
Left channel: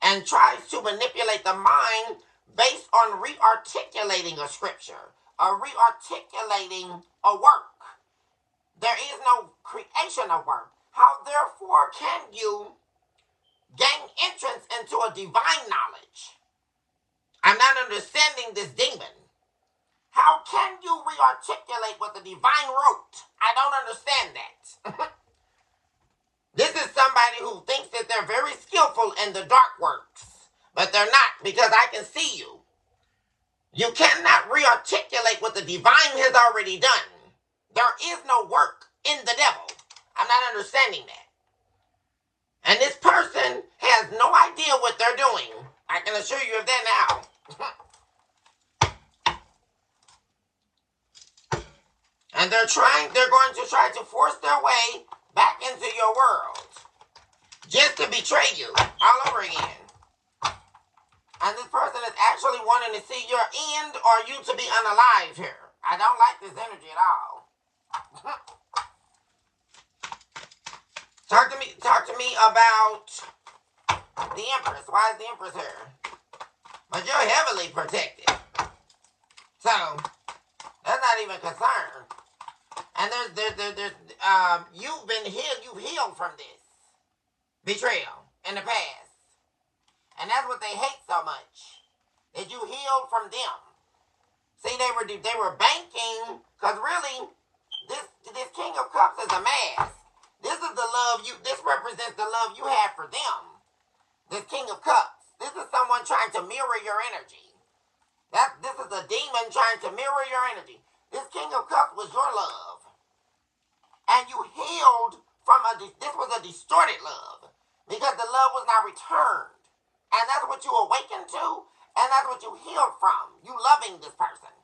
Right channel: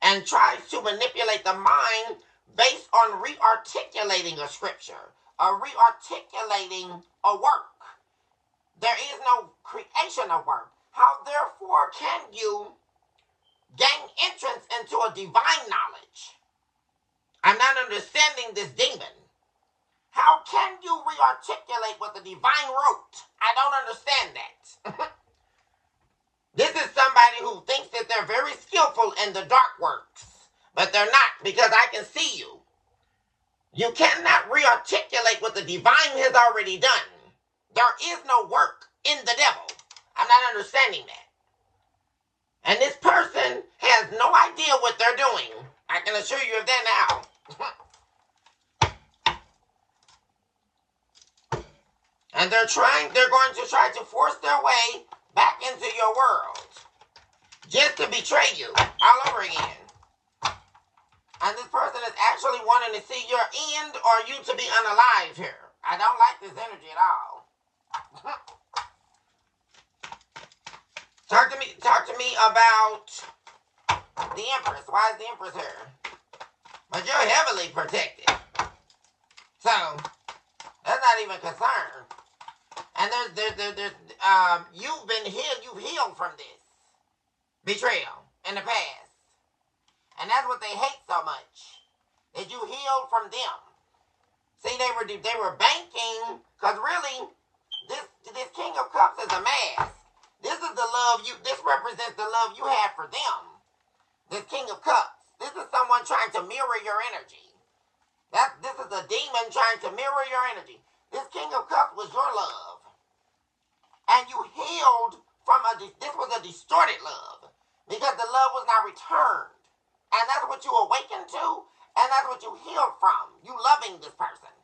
and tries to manipulate the mind based on re-articulating a scripture or re-articulating a work. There is no creation of work. How therefore can you gain entrance into a divine knowledge? I'm not understanding this demon. How can you re-articulate what the divine wrote? I don't understand that. This is somebody who thinks that they're very skillful in the dark works, but they're not, because I can see you. You cannot re-articulate what the divine has already done. There is no work in the devil. I'm not understanding that. And this person has no idea what they're doing. I can assure you of that now. And they're going to try to force their way back into your world. Just to betray you all over again. And this person is actually wanting to see your end or you to be unalive here. I don't like this energy at all. Talk to me about the Empress. Why is the Empress here? But you're heavily protected. So, that's not even concerned. And you've healed from this betrayal in the past. And that's what they hate so much. That you healed from them. See, they were banking, because really, this King of Cups is a mask. This is the love this represents the love you had for them. This King of Cups. This is someone trying to mirror your energy. This is a demon trying to mirror your energy. This King of Cups was your love. And you healed from this was a distorted love. Because the love was not returned. And that's what you awakened to. And that's what you healed from. You loving this person.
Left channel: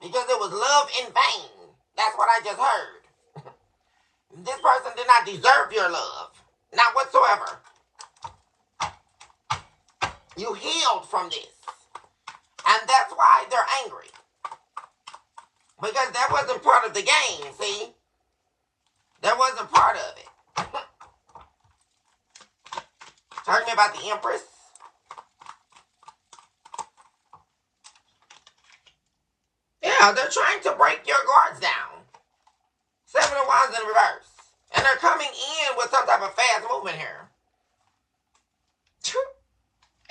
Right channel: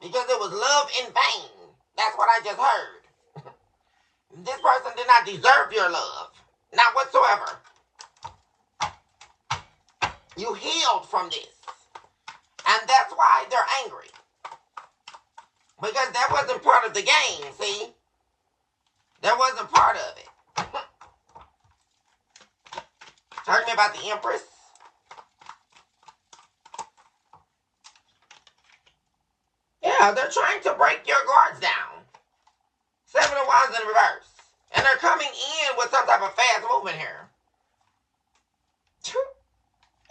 Because it was love in vain. That's what I just heard. This person did not deserve your love. Not whatsoever. You healed from this. And that's why they're angry. Because that wasn't part of the game, see? That wasn't part of it. Talk to me about the Empress. Yeah, they're trying to break your guards down. 7 of Wands in reverse. And they're coming in with some type of fast movement here.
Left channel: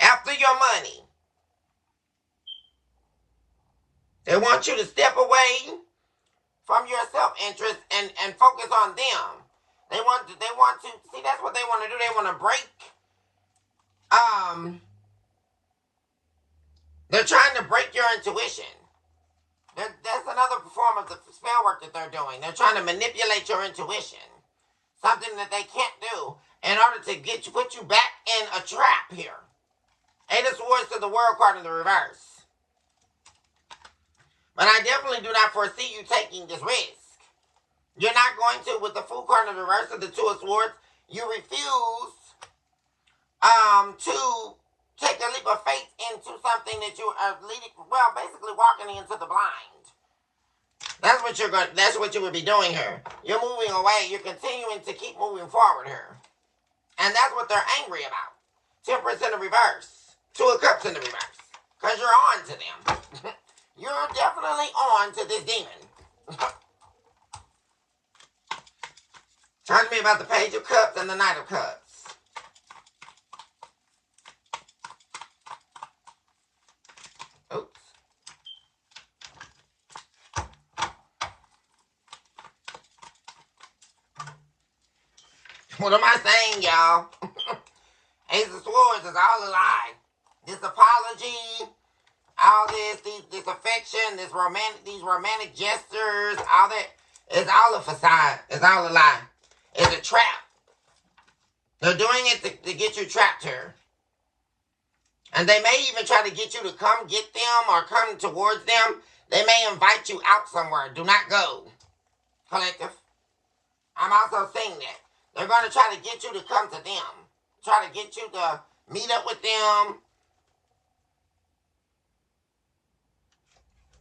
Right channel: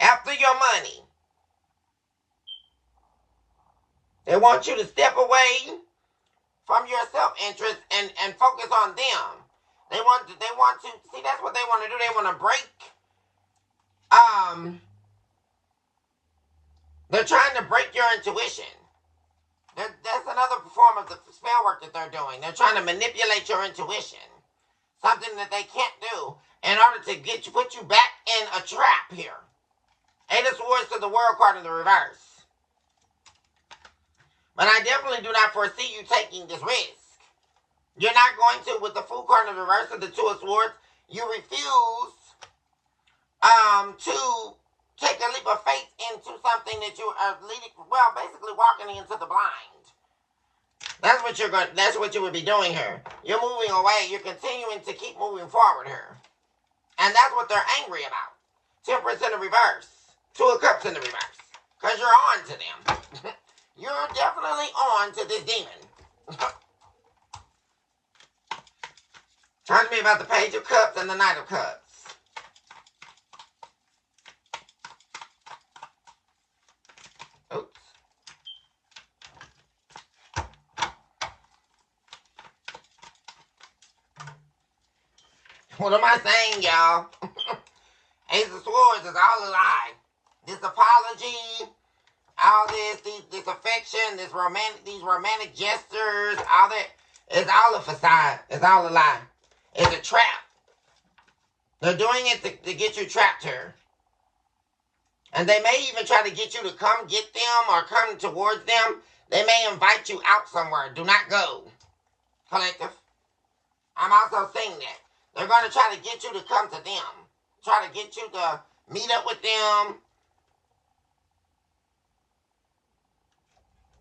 After your money. They want you to step away from your self-interest and focus on them. They want to, see, that's what they want to do. They want to break, they're trying to break your intuition. That's another form of the spell work that they're doing. They're trying to manipulate your intuition. Something that they can't do in order to put you back in a trap here. 8 of Swords to the World card in the reverse. But I definitely do not foresee you taking this risk. You're not going to, with the Fool card in the reverse of the 2 of Swords, you refuse to take a leap of faith into something that you are basically walking into the blind. That's what you would be doing here. You're moving away. You're continuing to keep moving forward here. And that's what they're angry about. Temperance in the reverse. 2 of Cups in the reverse. Because you're on to them. You're definitely on to this demon. Talk to me about the Page of Cups and the Knight of Cups. Oops. What am I saying, y'all? Ace of Swords is all a lie. This apology, all this affection, these romantic gestures, all that, it's all a facade. It's all a lie. It's a trap. They're doing it to get you trapped here. And they may even try to get you to come get them or come towards them. They may invite you out somewhere. Do not go. Collective. I'm also saying that. They're going to try to get you to come to them. Try to get you to meet up with them.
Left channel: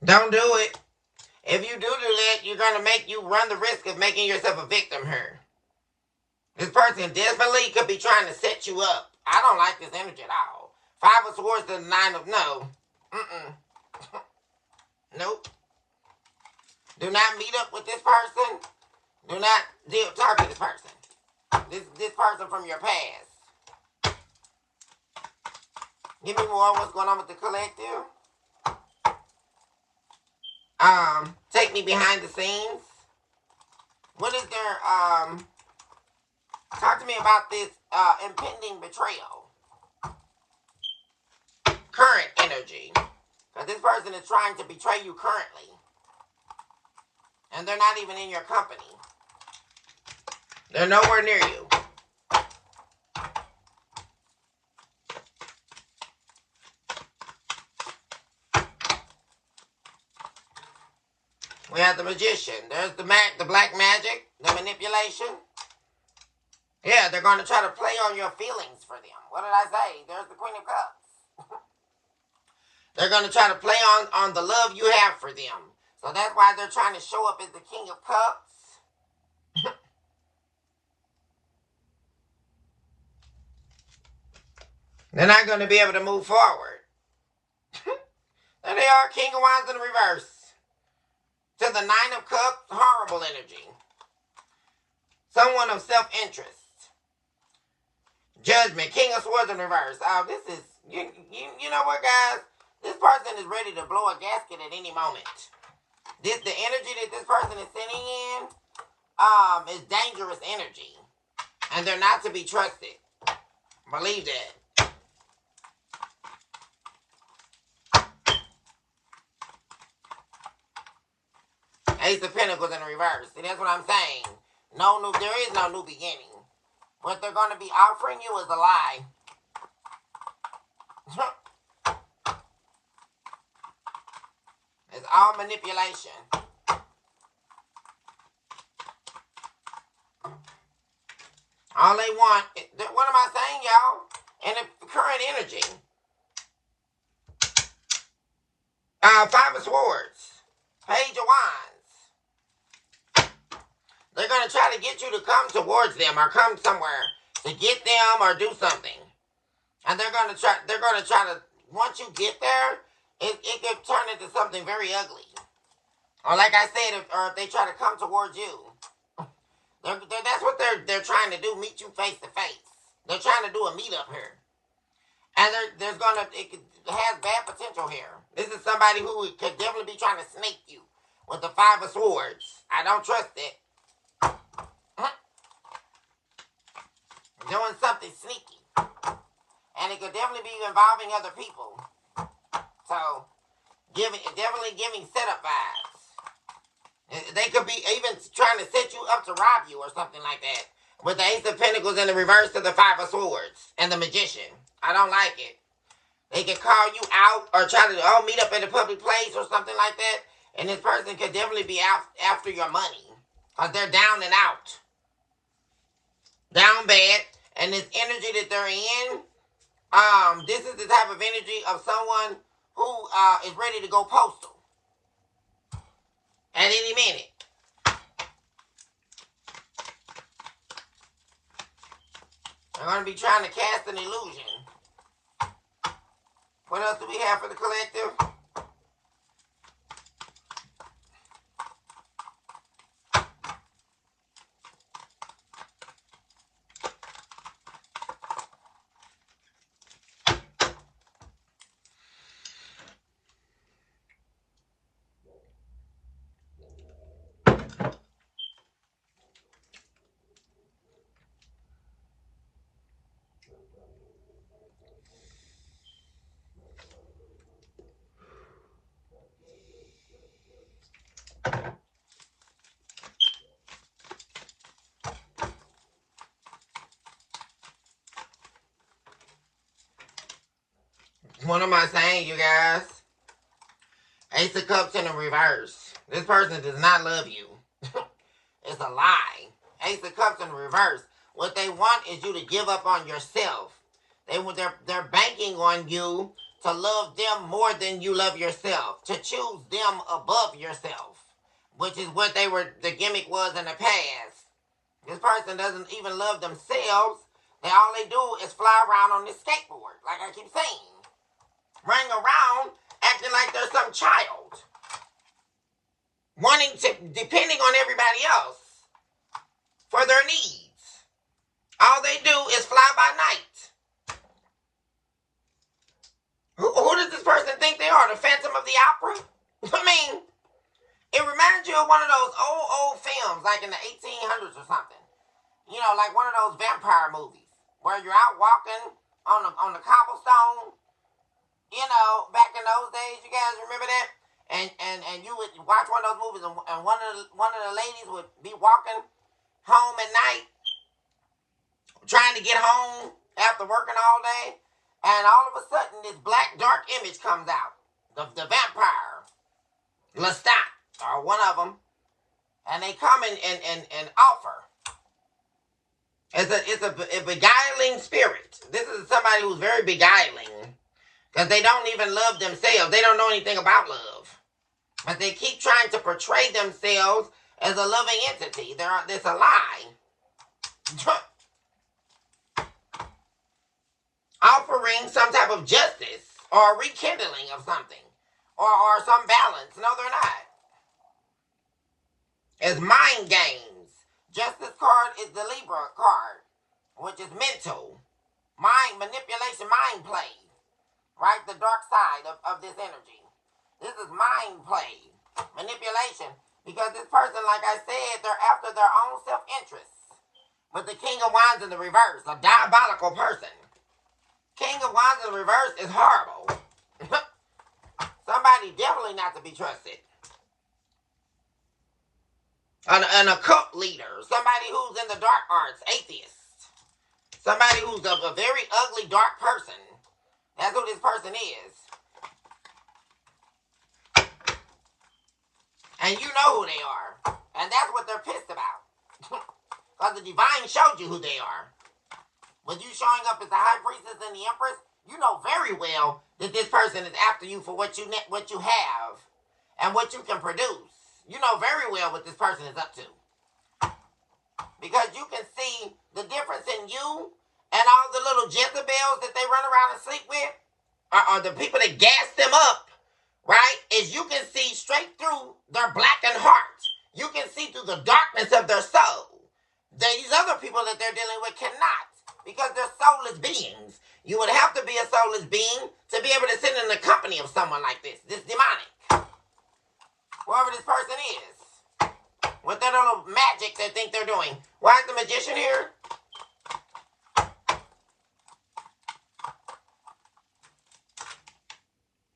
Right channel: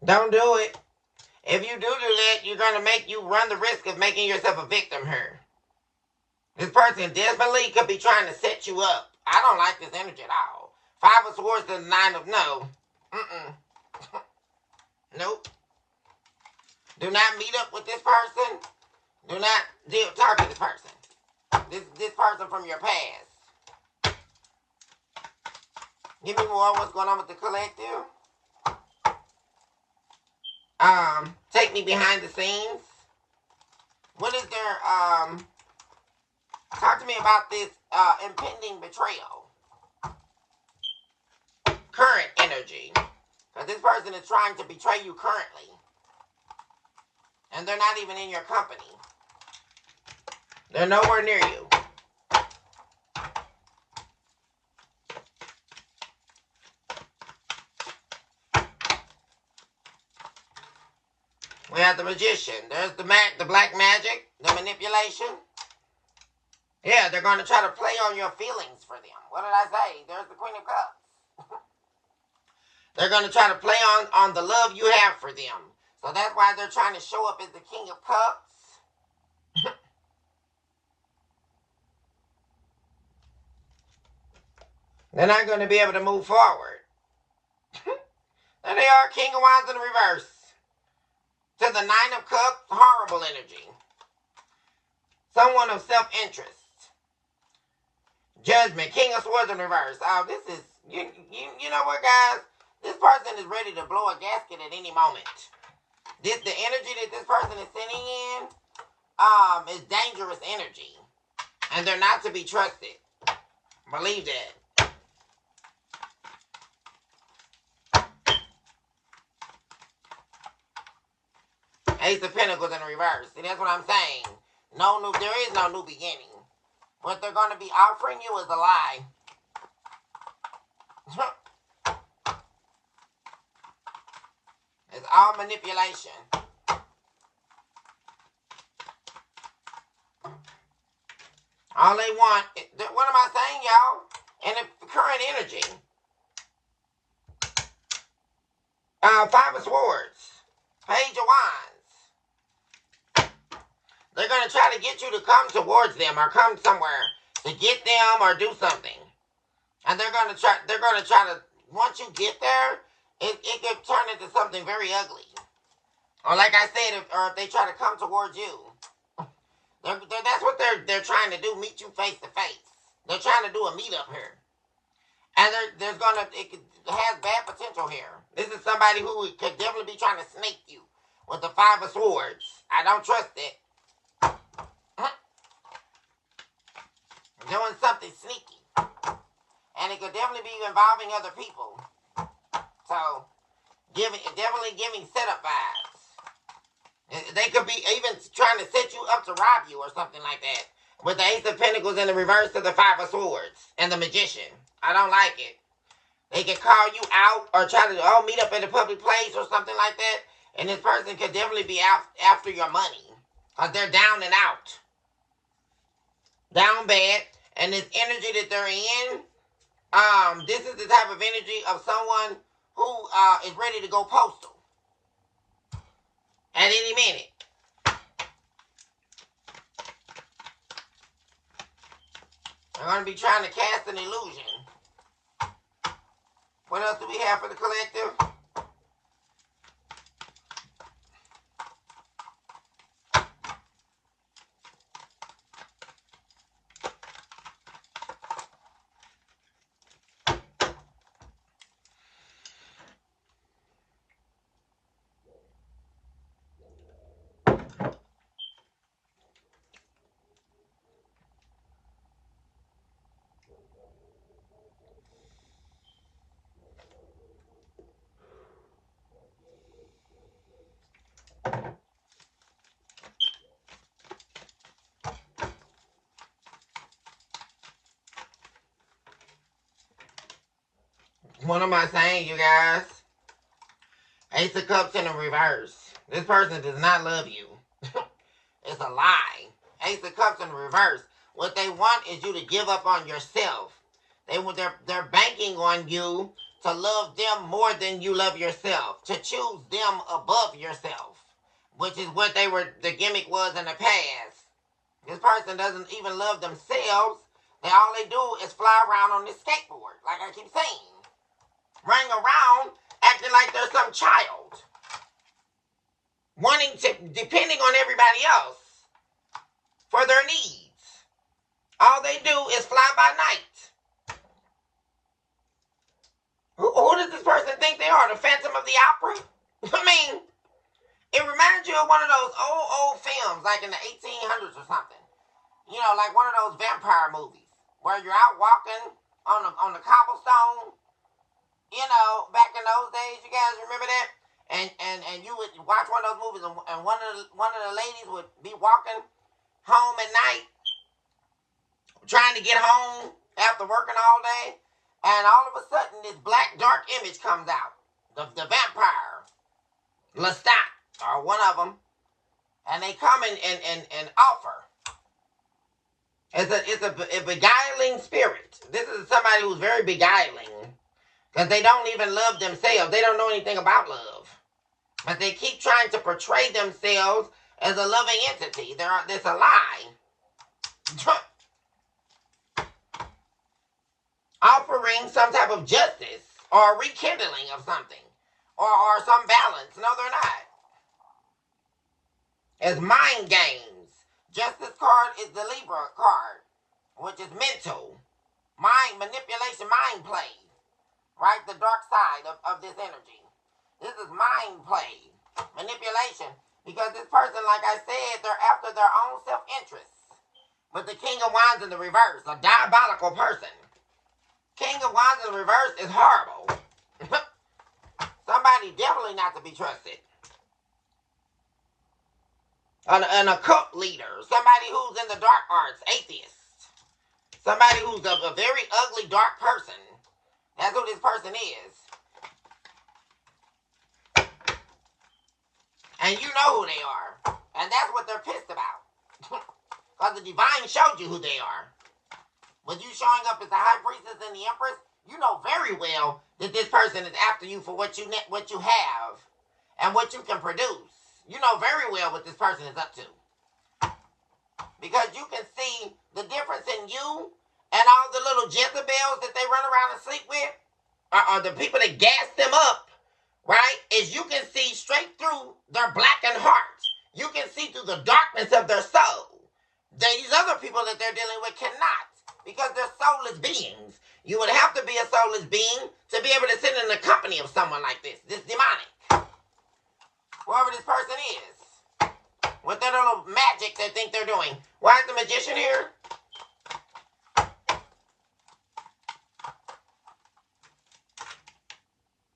Don't do it. If you do that, you're going to run the risk of making yourself a victim here. This person definitely could be trying to set you up. I don't like this energy at all. 5 of Swords to the 9 of no. Nope. Do not meet up with this person. Do not talk to this person. This person from your past. Give me more on what's going on with the collective. Take me behind the scenes. What is their, talk to me about this, impending betrayal. Current energy. Because this person is trying to betray you currently. And they're not even in your company. They're nowhere near you. We have the magician. There's the black magic, the manipulation. Yeah, they're going to try to play on your feelings for them. What did I say? There's the Queen of Cups. They're going to try to play on the love you have for them. So that's why they're trying to show up as the King of Cups. They're not going to be able to move forward. There they are, King of Wands in reverse. To the Nine of Cups, horrible energy. Someone of self-interest. Judgment, King of Swords in reverse. Oh, this is, you know what, guys? This person is ready to blow a gasket at any moment. The energy that this person is sitting in is dangerous energy. And they're not to be trusted. Believe that. Ace of Pentacles in reverse. See, that's what I'm saying. There is no new beginning. What they're going to be offering you is a lie. It's all manipulation. All they want, what am I saying, y'all? And the current energy. Five of Swords. Page of Wands. They're going to try to get you to come towards them or come somewhere to get them or do something. And they're going to try to, once you get there, it could turn into something very ugly. Or like I said, if they try to come towards you. That's what they're trying to do, meet you face to face. They're trying to do a meetup here. And it has bad potential here. This is somebody who could definitely be trying to snake you with the Five of Swords. I don't trust it. Doing something sneaky. And it could definitely be involving other people. So, definitely giving setup vibes. They could be even trying to set you up to rob you or something like that. With the Ace of Pentacles in the reverse to the Five of Swords. And the Magician. I don't like it. They could call you out or try to meet up in a public place or something like that. And this person could definitely be after your money. Because they're down and out. Down bad. And this energy that they're in, this is the type of energy of someone who is ready to go postal. At any minute. They're going to be trying to cast an illusion. What else do we have for the collective? What am I saying, you guys? Ace of Cups in the reverse. This person does not love you. It's a lie. Ace of Cups in the reverse. What they want is you to give up on yourself. They're banking on you to love them more than you love yourself. To choose them above yourself. Which is what the gimmick was in the past. This person doesn't even love themselves. All they do is fly around on this skateboard. Like I keep saying. Running around acting like they're some child. Depending on everybody else for their needs. All they do is fly by night. Who does this person think they are? The Phantom of the Opera? I mean, reminds you of one of those old films, like in the 1800s or something. You know, like one of those vampire movies where you're out walking on the cobblestone. You know, back in those days, you guys remember that? And you would watch one of those movies, and one of the ladies would be walking home at night, trying to get home after working all day, and all of a sudden this black dark image comes out, the vampire, Lestat, or one of them, and they come and offer. It's a beguiling spirit. This is somebody who's very beguiling, because they don't even love themselves. They don't know anything about love. But they keep trying to portray themselves as a loving entity. It's a lie. Offering some type of justice or rekindling of something. Or some balance. No, they're not. It's mind games. Justice card is the Libra card, which is mental. Mind manipulation, mind play. Right? The dark side of this energy. This is mind play. Manipulation. Because this person, like I said, they're after their own self-interest. With the King of Wands in the reverse. A diabolical person. King of Wands in the reverse is horrible. Somebody definitely not to be trusted. An occult leader. Somebody who's in the dark arts. Atheist. Somebody who's a very ugly, dark person. That's who this person is. And you know who they are. And that's what they're pissed about. Because the divine showed you who they are. With you showing up as the high priestess and the empress, you know very well that this person is after you for what you have and what you can produce. You know very well what this person is up to. Because you can see the difference in you and all the little Jezebels that they run around and sleep with, or the people that gas them up, right? Is you can see straight through their blackened heart. You can see through the darkness of their soul. These other people that they're dealing with cannot, because they're soulless beings. You would have to be a soulless being to be able to sit in the company of someone like this demonic. Whoever this person is. With their little magic they think they're doing. Why is the magician here?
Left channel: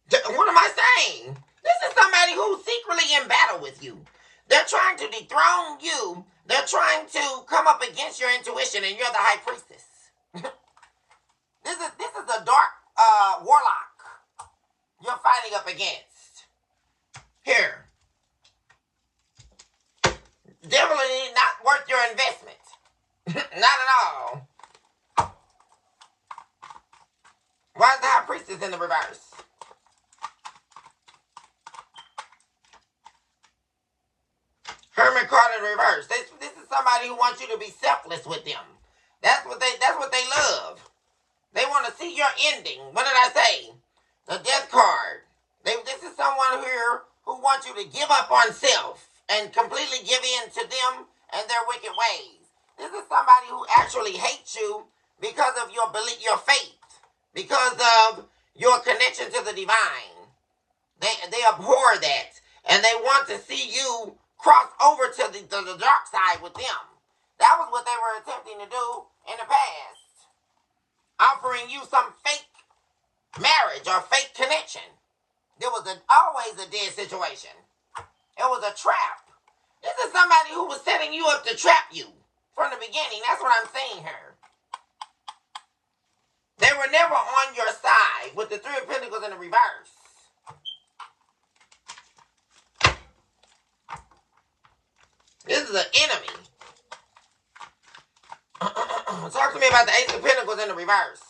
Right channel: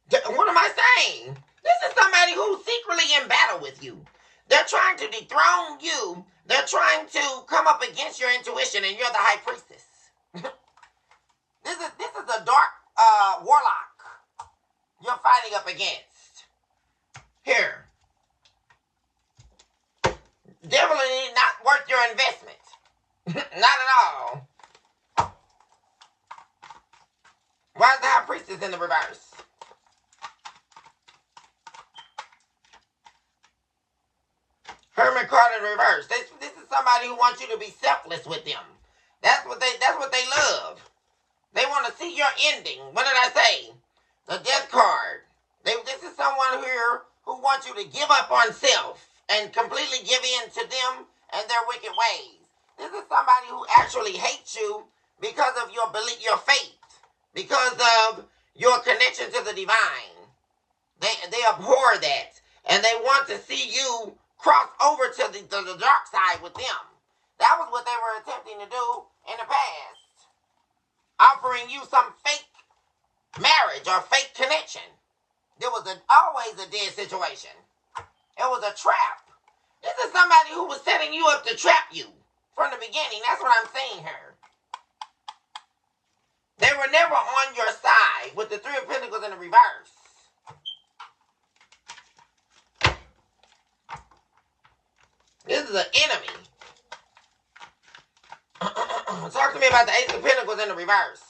What am I saying? This is somebody who's secretly in battle with you. They're trying to dethrone you. They're trying to come up against your intuition, and you're the high priestess. This is a dark warlock you're fighting up against. Here. Definitely not worth your investment. Not at all. Why is the high priestess in the reverse? Hermit card in reverse. This is somebody who wants you to be selfless with them. That's what they love. They want to see your ending. What did I say? The death card. This is someone here who wants you to give up on self and completely give in to them and their wicked ways. This is somebody who actually hates you because of your belief, your faith, because of your connection to the divine. They abhor that, and they want to see you cross over to the dark side with them. That was what they were attempting to do in the past. Offering you some fake marriage or fake connection. There was always a dead situation. It was a trap. This is somebody who was setting you up to trap you from the beginning. That's what I'm saying here. They were never on your side with the Three of Pentacles in the reverse. This is an enemy. Talk to me about the Ace of Pentacles in the reverse.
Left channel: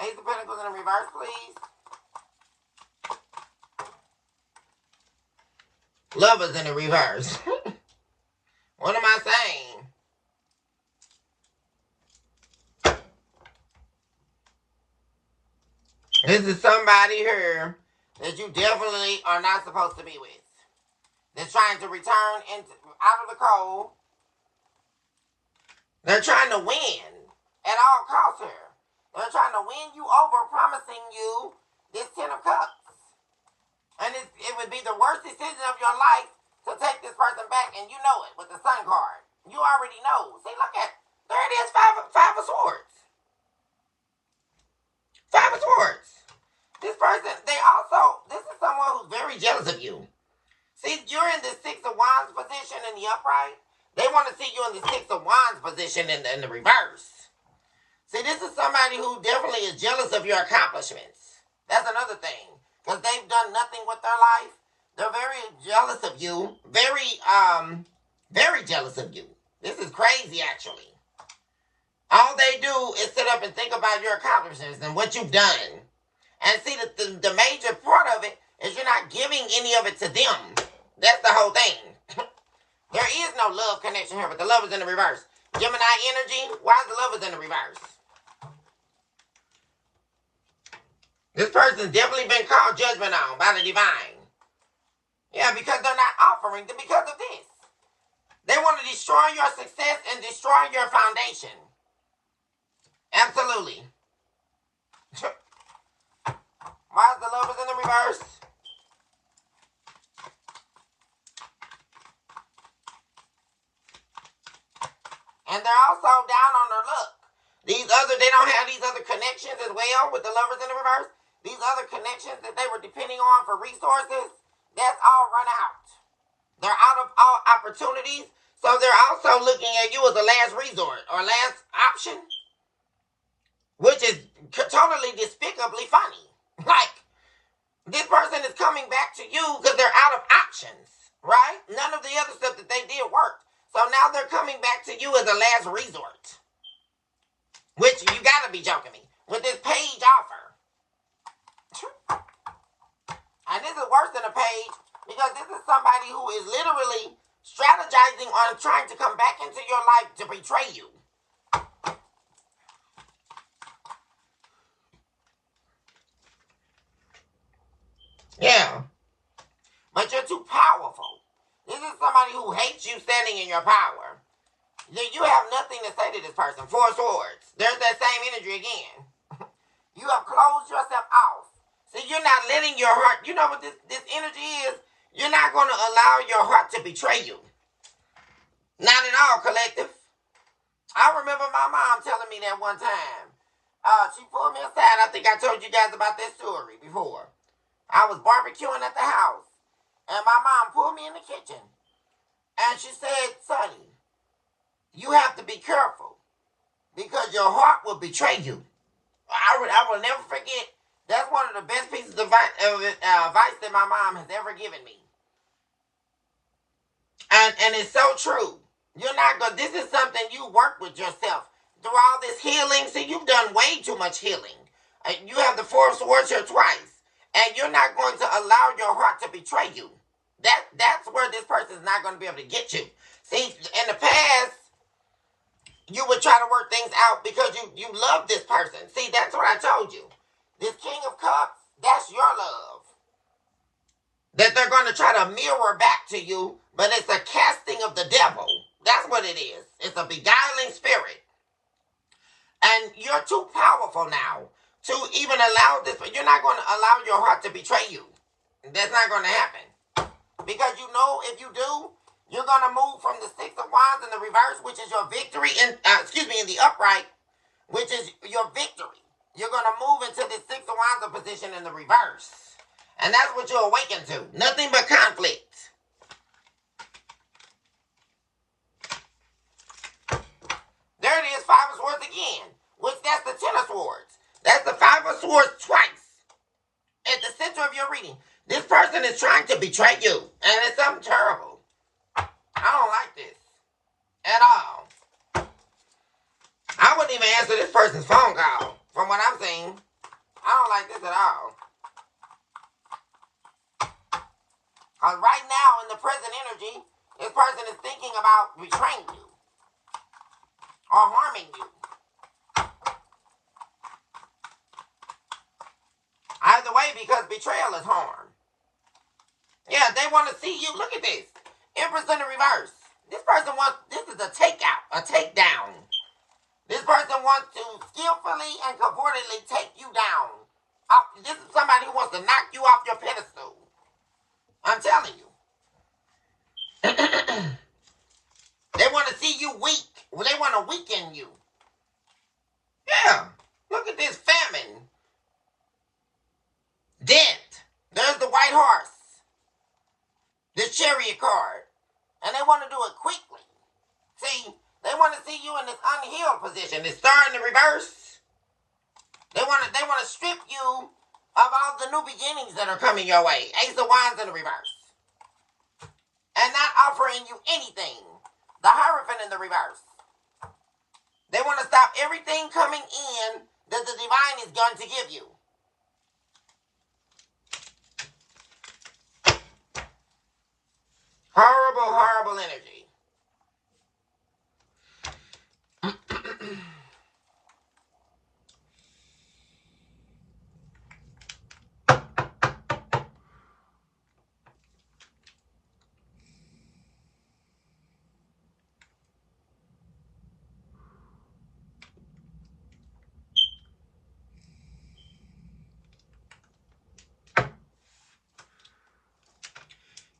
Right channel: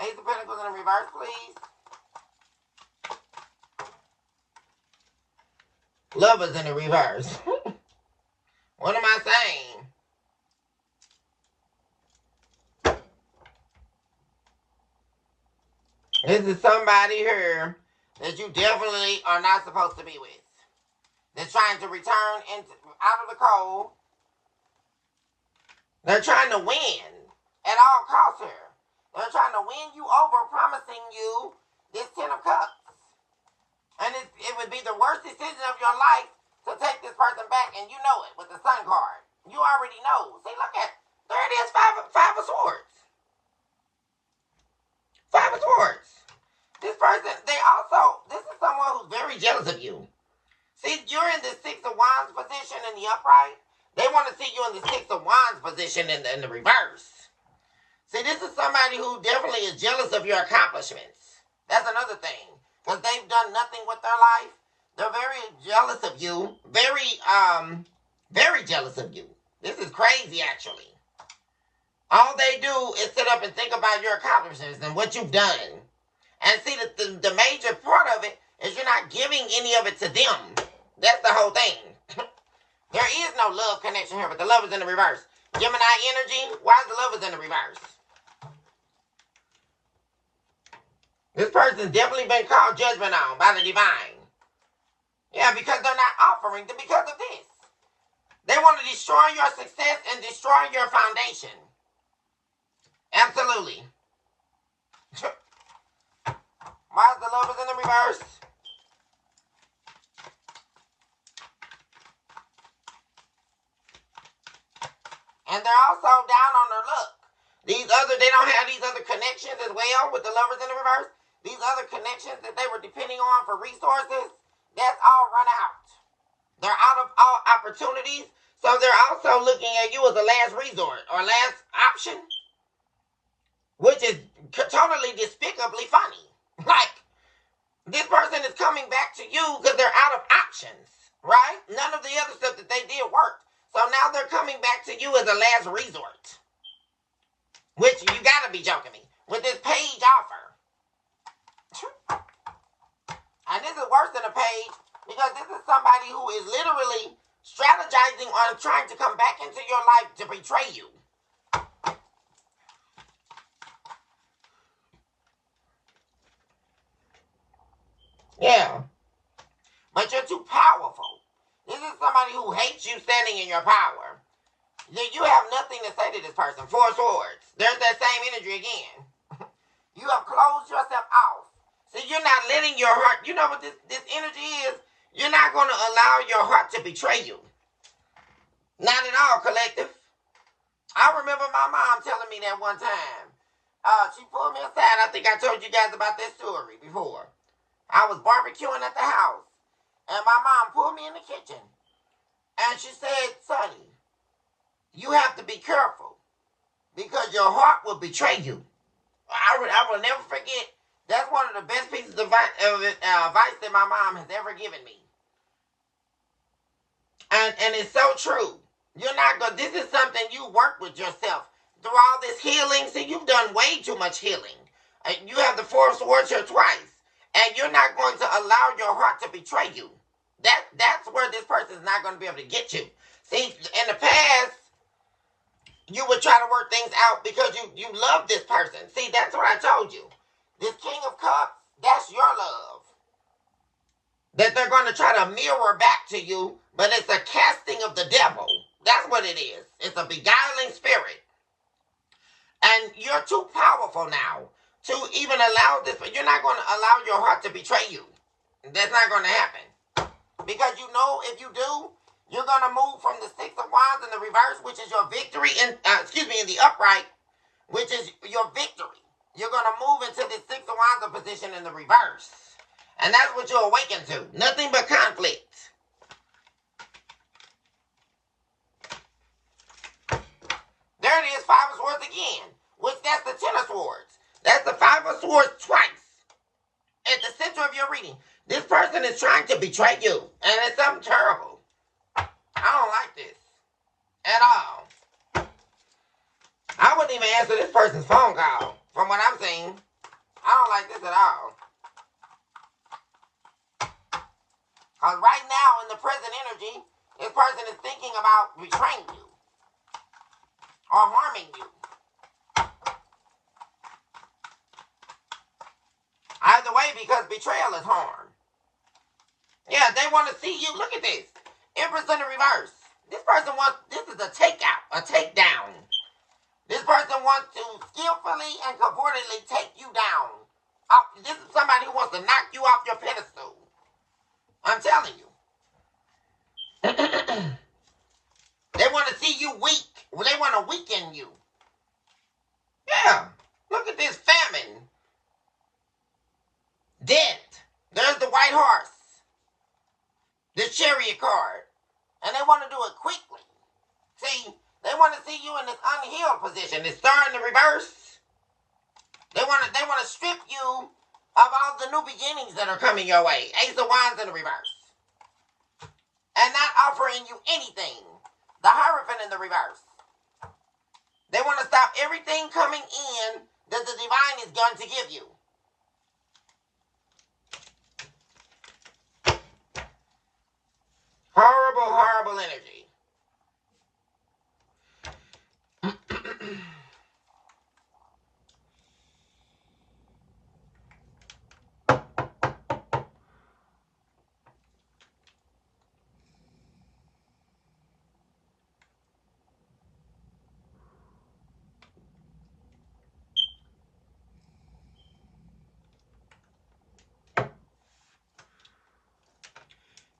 Ace of Pentacles in the reverse, please. Lovers in the reverse. What am I saying? This is somebody here that you definitely are not supposed to be with. That's trying to return out of the cold They're trying to win at all costs here. They're trying to win you over, promising you this Ten of Cups. And it would be the worst decision of your life to take this person back, and you know it with the Sun card. You already know. See, look at, there it is, five of Swords. Five of Swords. This person, this is someone who's very jealous of you. See, you're in the Six of Wands position in the upright. They want to see you in the Six of Wands position in the reverse. See, this is somebody who definitely is jealous of your accomplishments. That's another thing. Because they've done nothing with their life. They're very jealous of you. Very jealous of you. This is crazy, actually. All they do is sit up and think about your accomplishments and what you've done. And see, the major part of it is you're not giving any of it to them. That's the whole thing. There is no love connection here, but the love is in the reverse. Gemini energy, why is the love is in the reverse? This person's definitely been called judgment on by the divine. Yeah, because they're not offering because of this. They want to destroy your success and destroy your foundation. Absolutely. Why is the love is in the reverse? And they're also down on their luck. They don't have these other connections as well with the lovers in the reverse. These other connections that they were depending on for resources, that's all run out. They're out of all opportunities. So they're also looking at you as a last resort or last option, which is totally despicably funny. Like, this person is coming back to you because they're out of options, right? None of the other stuff that they did worked. So now they're coming back to you as a last resort. Which, you gotta be joking me. With this page offer. And this is worse than a page, because this is somebody who is literally strategizing on trying to come back into your life to betray you. Yeah. But you're too powerful. This is somebody who hates you standing in your power. You have nothing to say to this person. Four of Swords. There's that same energy again. You have closed yourself off. So you're not letting your heart, you know what this energy is? You're not going to allow your heart to betray you. Not at all, collective. I remember my mom telling me that one time. She pulled me aside. I think I told you guys about this story before. I was barbecuing at the house. And my mom pulled me in the kitchen. And she said, Sonny, you have to be careful because your heart will betray you. I will never forget. That's one of the best pieces of advice that my mom has ever given me. And it's so true. You're not going. This is something you work with yourself through all this healing. See, you've done way too much healing. You have the Four of Swords here twice, and you're not going to allow your heart to betray you. That's where this person is not going to be able to get you. See, in the past, you would try to work things out because you love this person. See, that's what I told you. This King of Cups, that's your love. That they're going to try to mirror back to you, but it's a casting of the devil. That's what it is. It's a beguiling spirit. And you're too powerful now to even allow this. You're not going to allow your heart to betray you. That's not going to happen. Because you know if you do, you're going to move from the Six of Wands in the reverse, which is your victory, in the upright, which is your victory. You're going to move into the Six of Wands position in the reverse. And that's what you're awakened to. Nothing but conflict. There it is, Five of Swords again. Which that's the Ten of Swords. That's the Five of Swords twice. At the center of your reading. This person is trying to betray you. And it's something terrible. I don't like this. At all. I wouldn't even answer this person's phone call. From what I'm seeing. I don't like this at all. Because right now, in the present energy, this person is thinking about betraying you. Or harming you. Either way, because betrayal is harm. Yeah, they want to see you. Look at this. Empress in the reverse. This person wants, this is a takeout, a takedown. This person wants to skillfully and cavortedly take you down. This is somebody who wants to knock you off your pedestal. I'm telling you. They want to see you weak. They want to weaken you. Yeah. Look at this famine. Death. There's the white horse. The chariot card. And they want to do it quickly. See, they want to see you in this unhealed position. It's star in the reverse. They want to strip you of all the new beginnings that are coming your way. Ace of Wands in the reverse. And not offering you anything. The Hierophant in the reverse. They want to stop everything coming in that the divine is going to give you. Horrible, horrible energy.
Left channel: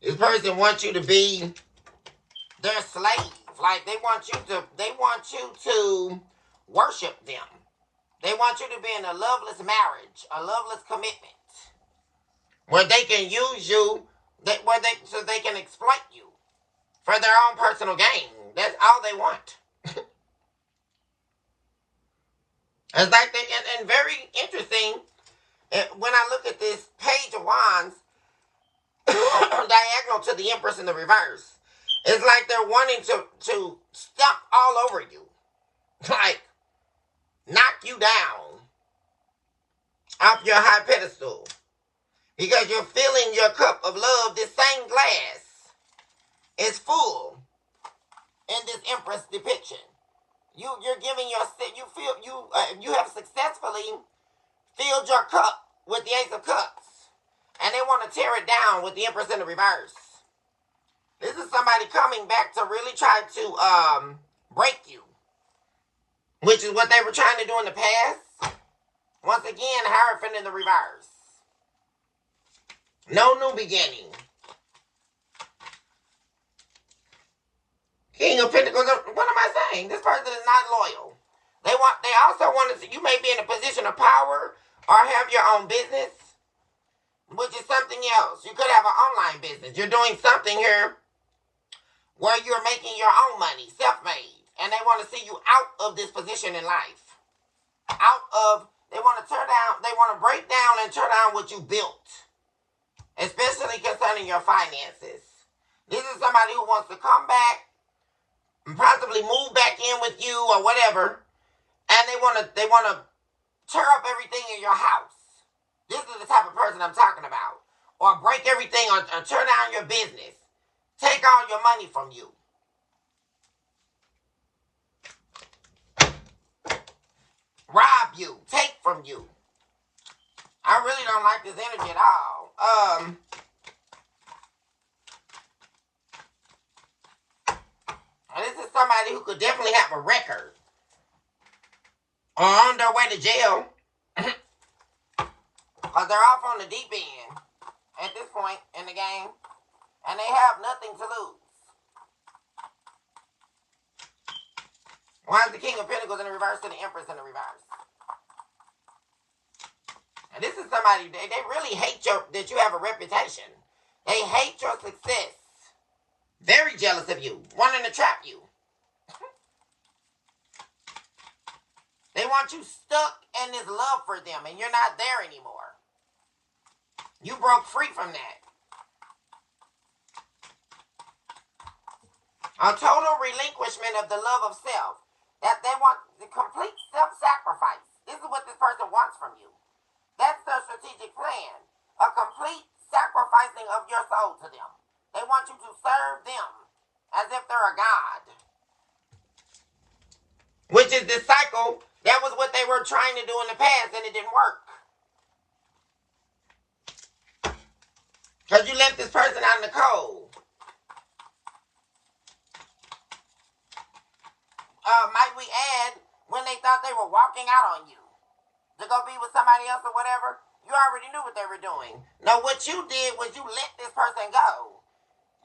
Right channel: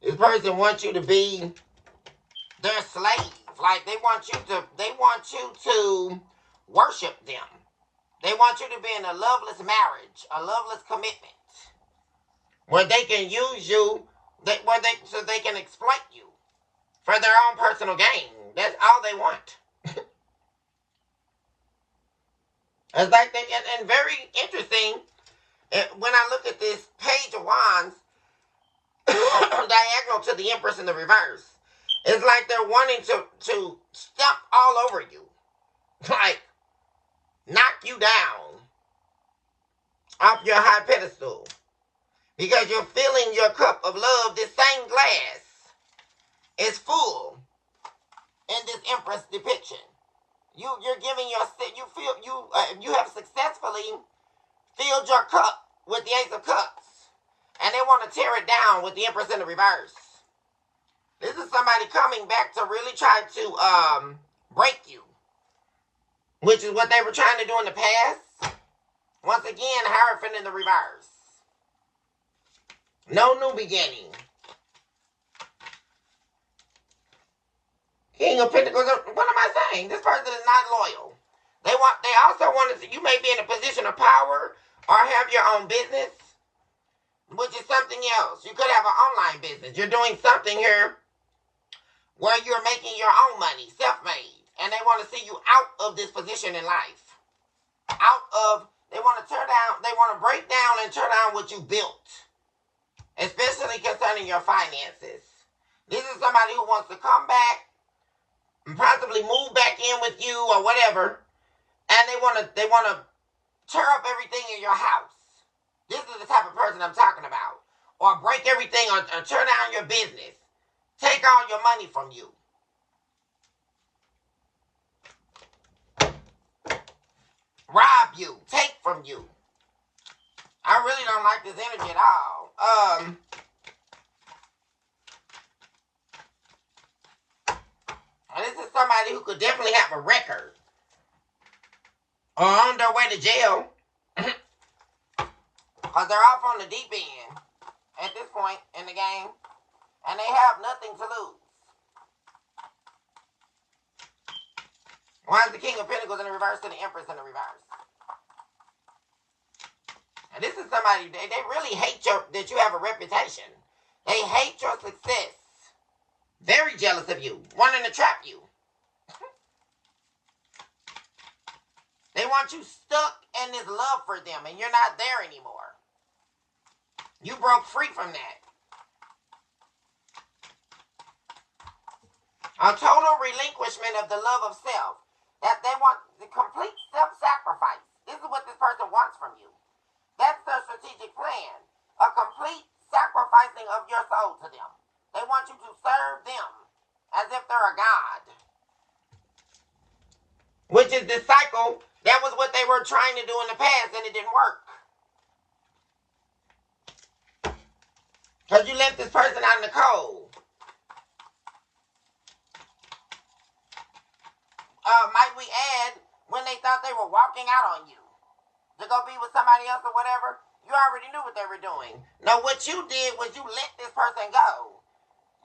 This person wants you to be their slave. Like they want you to worship them. They want you to be in a loveless marriage, a loveless commitment, where they can use you, so they can exploit you for their own personal gain. That's all they want. It's like that, and very interesting. When I look at this Page of Wands, diagonal to the Empress in the reverse, it's like they're wanting to step all over you, like knock you down off your high pedestal, because you're filling your cup of love. This same glass is full in this Empress depiction. You're giving you have successfully filled your cup with the Ace of Cups, and they want to tear it down with the Empress in the reverse. This is somebody coming back to really try to break you, which is what they were trying to do in the past. Once again, Hierophant in the reverse. No new beginning. King of Pentacles. What am I saying? This person is not loyal. They also want to. You may be in a position of power or have your own business, which is something else. You could have an online business. You're doing something here where you're making your own money, self-made, and they want to see you out of this position in life. They want to tear down. They want to break down and tear down what you built, especially concerning your finances. This is somebody who wants to come back and possibly move back in with you or whatever, and they want to tear up everything in your house. This is the type of person I'm talking about. Or break everything or tear down your business. Take all your money from you. Rob you. Take from you. I really don't like this energy at all. This is somebody who could definitely have a record. Or on their way to jail. Because they're off on the deep end at this point in the game. And they have nothing to lose. Why is the King of Pentacles in the reverse and the Empress in the reverse? And this is somebody, they really hate that you have a reputation. They hate your success. Very jealous of you. Wanting to trap you. They want you stuck in this love for them and you're not there anymore. You broke free from that. A total relinquishment of the love of self. That they want the complete self-sacrifice. This is what this person wants from you. That's their strategic plan. A complete sacrificing of your soul to them. They want you to serve them as if they're a god. Which is this cycle. That was what they were trying to do in the past and it didn't work. Because you left this person out in the cold. like we add when they thought they were walking out on you to go be with somebody else or whatever. You already knew what they were doing. No, what you did was you let this person go.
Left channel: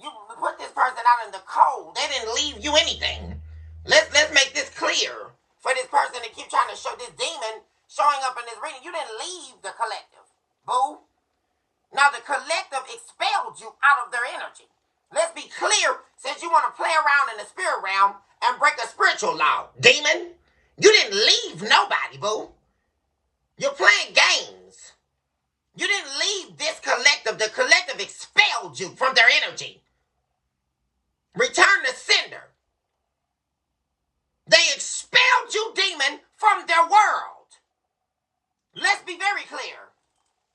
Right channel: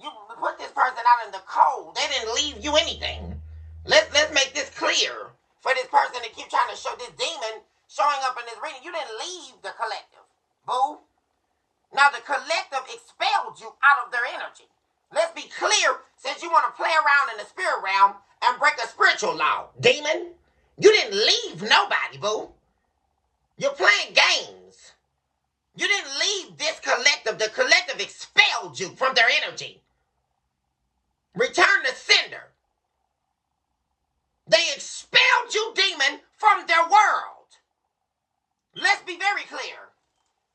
You put this person out in the cold. They didn't leave you anything. Let's make this clear for this person to keep trying to show this demon showing up in this reading. You didn't leave the collective, boo. Now the collective expelled you out of their energy. Let's be clear, since you want to play around in the spirit realm and break a spiritual law. Demon, you didn't leave nobody, boo. You're playing games. You didn't leave this collective. The collective expelled you from their energy. Return to sender. They expelled you, demon, from their world. Let's be very clear.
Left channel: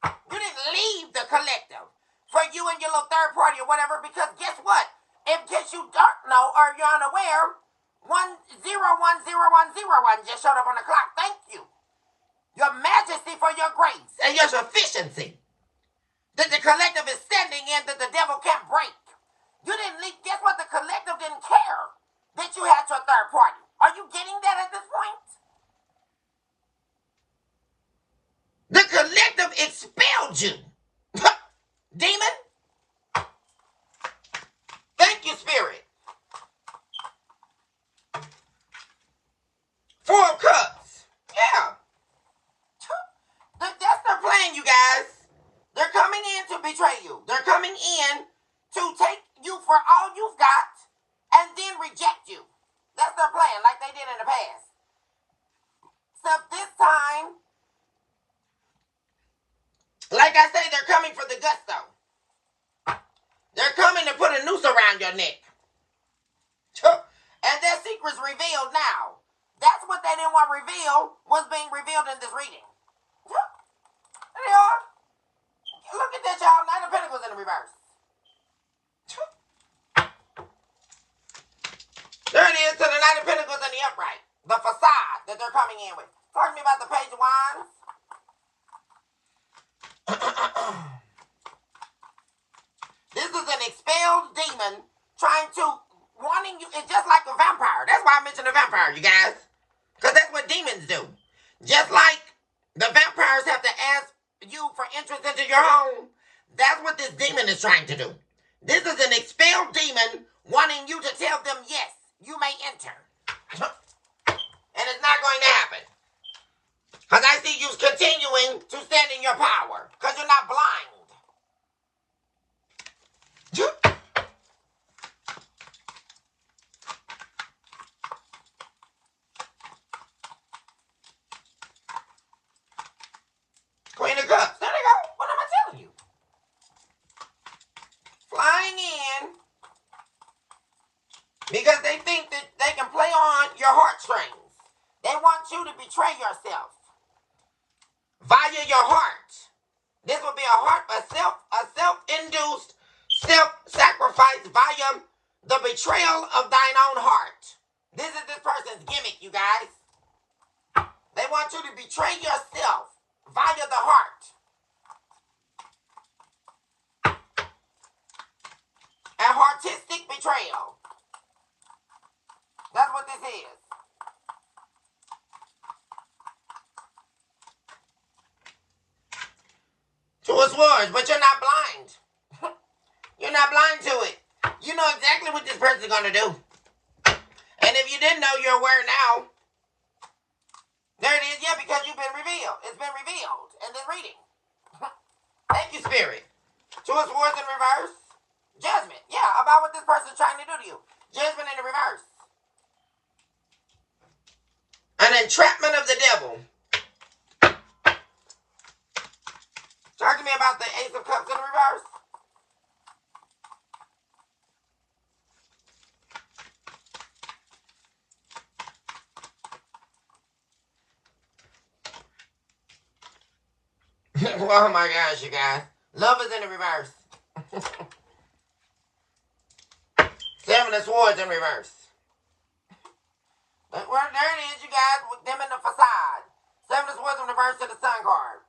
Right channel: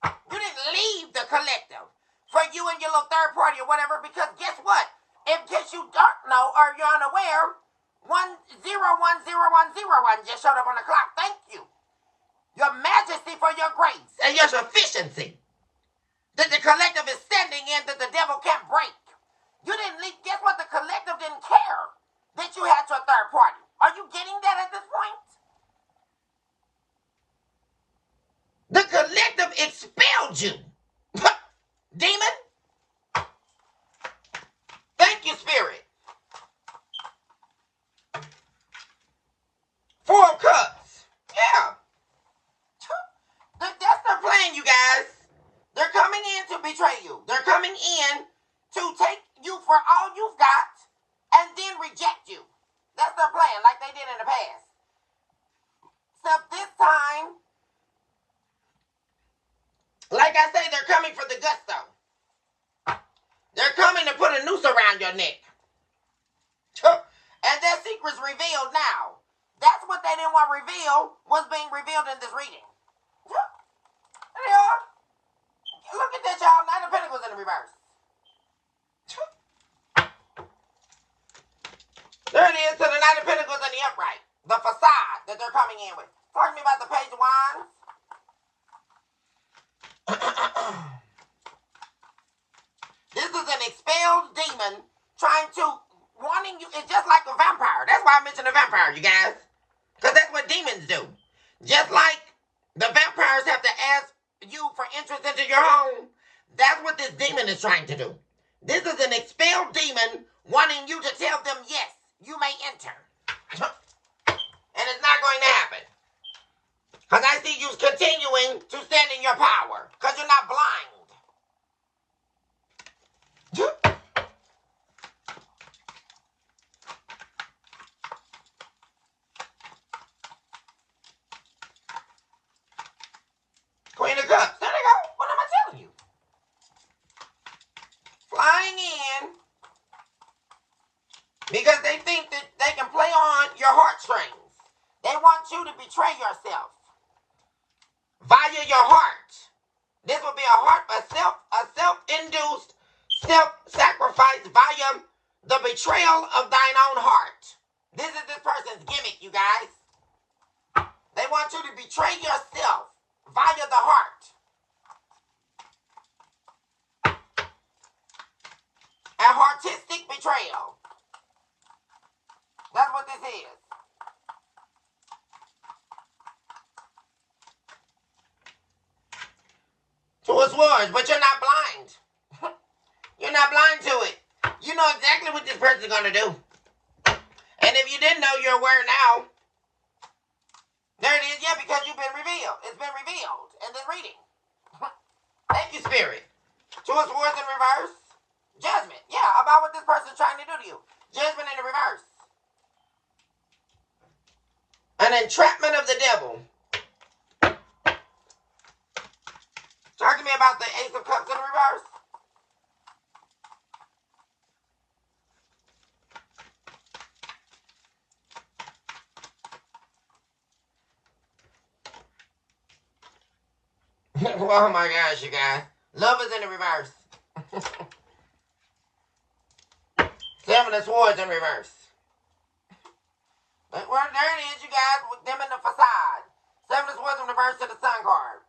You didn't leave the collective for you and your little third party or whatever, because guess what? In case you don't know or you're unaware, 101001 just showed up on the clock. Thank you. Your majesty for your grace and your sufficiency that the collective is standing in that the devil can't break. You didn't leave. Guess what? The collective didn't care that you had your third party. Are you getting that at this point? The collective expelled you. Demon? Thank you, spirit. Four of Cups. Yeah. That's their plan, you guys. They're coming in to betray you. They're coming in to take you for all you've got and then reject you. That's their plan, like they did in the past. Except this time, like I say, they're coming for the gusto. They're coming to put a noose around your neck. And their secret's revealed now. That's what they didn't want revealed, was being revealed in this reading. There they are. Look at that, y'all. Nine of Pentacles in the reverse. There it is, to the Knight of Pentacles in the upright. The facade that they're coming in with. Talk to me about the Page of Wands. This is an expelled demon trying to, wanting you. It's just like a vampire. That's why I mentioned a vampire, you guys. Because that's what demons do. Just like the vampires have to ask you for entrance into your home, that's what this demon is trying to do. This is an expelled demon wanting you to tell them, yes, you may enter. And it's not going to happen. Because I see you continuing to stand in your power. Because you're not blind. Queen of Cups. There they go. What am I telling you? Flying in. Because they think that they can play on your heartstrings. They want you to betray yourself. Via your heart. This will be a self-induced self-sacrifice via the betrayal of thine own heart. This is this person's gimmick, you guys. They want you to betray yourself via the heart. A heartistic betrayal. That's what this is. Two of Swords, but you're not blind. You're not blind to it. You know exactly what this person's going to do. And if you didn't know, you're aware now. There it is. Yeah, because you've been revealed. It's been revealed in this reading. Thank you, Spirit. Two of Swords in reverse. Judgment. Yeah, about what this person's trying to do to you. Judgment in the reverse. An entrapment of the devil. Talk to me about the Ace of Cups in the reverse. Oh my gosh, you guys. Love is in the reverse. Seven of Swords in reverse. But there it is, you guys, with them in the facade. Seven of Swords in reverse to the Sun card.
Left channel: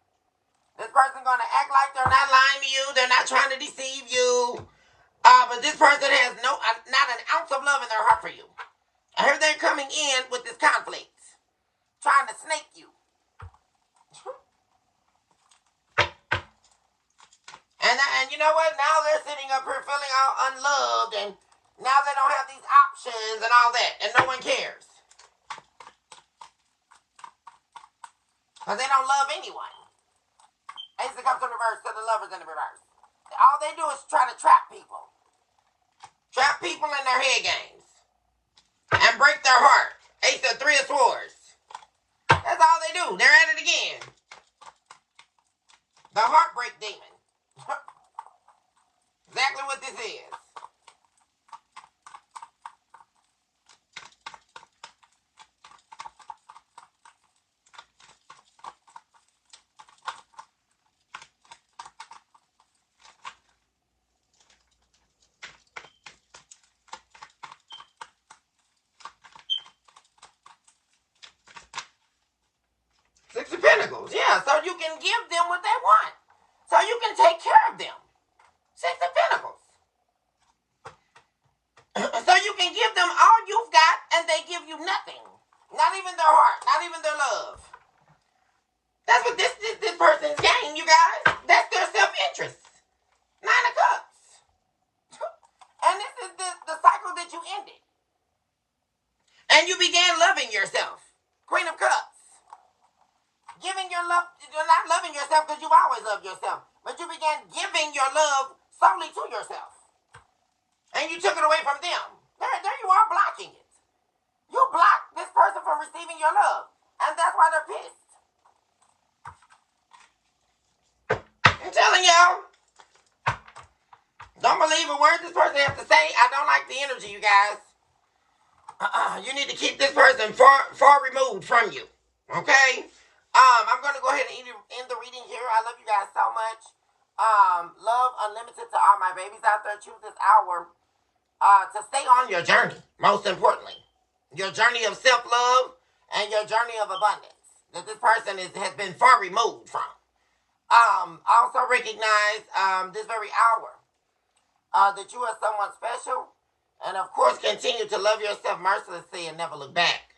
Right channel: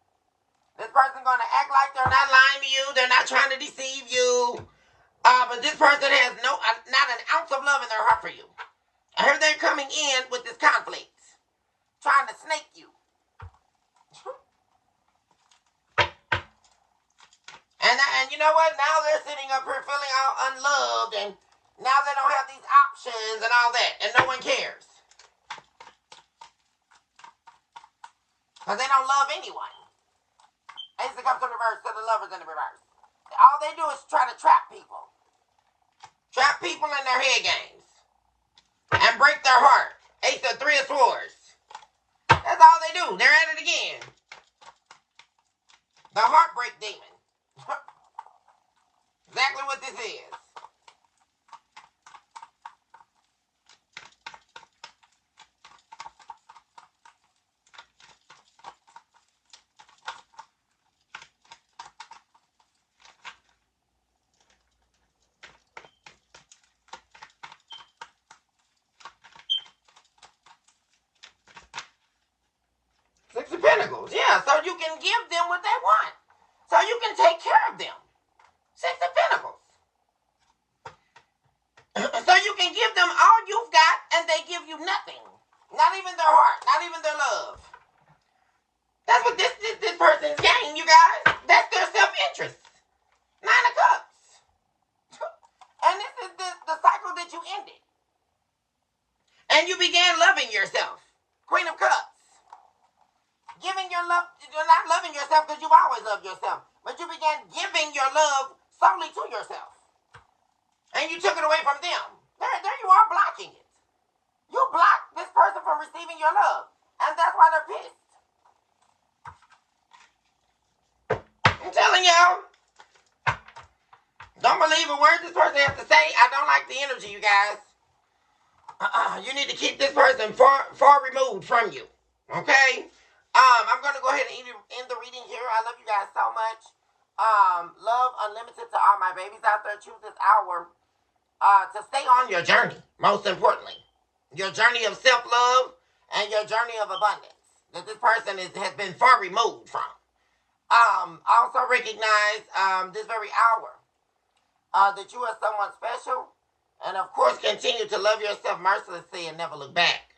This person's going to act like they're not lying to you. They're not trying to deceive you. But this person has not an ounce of love in their heart for you. I heard they're coming in with this conflict, trying to snake you. And you know what? Now they're sitting up here feeling all unloved, and now they don't have these options and all that, and no one cares. Because they don't love anyone. Ace of Cups in reverse, to the Lovers in the reverse. All they do is try to trap people. Trap people in their head games. And break their heart. Ace of Three of Swords. That's all they do. They're at it again. The Heartbreak Demon. Exactly what this is. Six of Pentacles, yeah, so you can give them what they want. So you can take care of them. Six of Pentacles. So you can give them all you've got and they give you nothing. Not even their heart, not even their love. That's what this person's game, you guys. That's their self-interest. Nine of Cups. And this is the cycle that you ended. And you began loving yourself. Queen of Cups. Giving your love, you're not loving yourself because you've always loved yourself. But you began giving your love solely to yourself. And you took it away from them. There you are blocking it. You blocked this person from receiving your love. And that's why they're pissed. I'm telling y'all. Don't believe a word this person has to say. I don't like the energy, you guys. You need to keep this person far removed from you. Okay? I'm going to go ahead and end the reading here. I love you guys so much. Love unlimited to all my babies out there. Choose this hour to stay on your journey, most importantly. Your journey of self-love and your journey of abundance that this person has been far removed from. Also recognize this very hour that you are someone special. And of course, continue to love yourself mercilessly and never look back.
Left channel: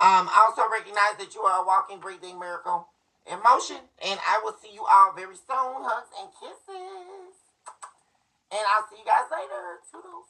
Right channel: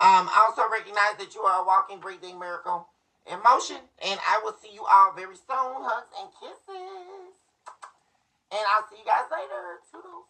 Also recognize that you are a walking, breathing miracle in motion. And I will see you all very soon. Hugs and kisses. And I'll see you guys later. Toodles.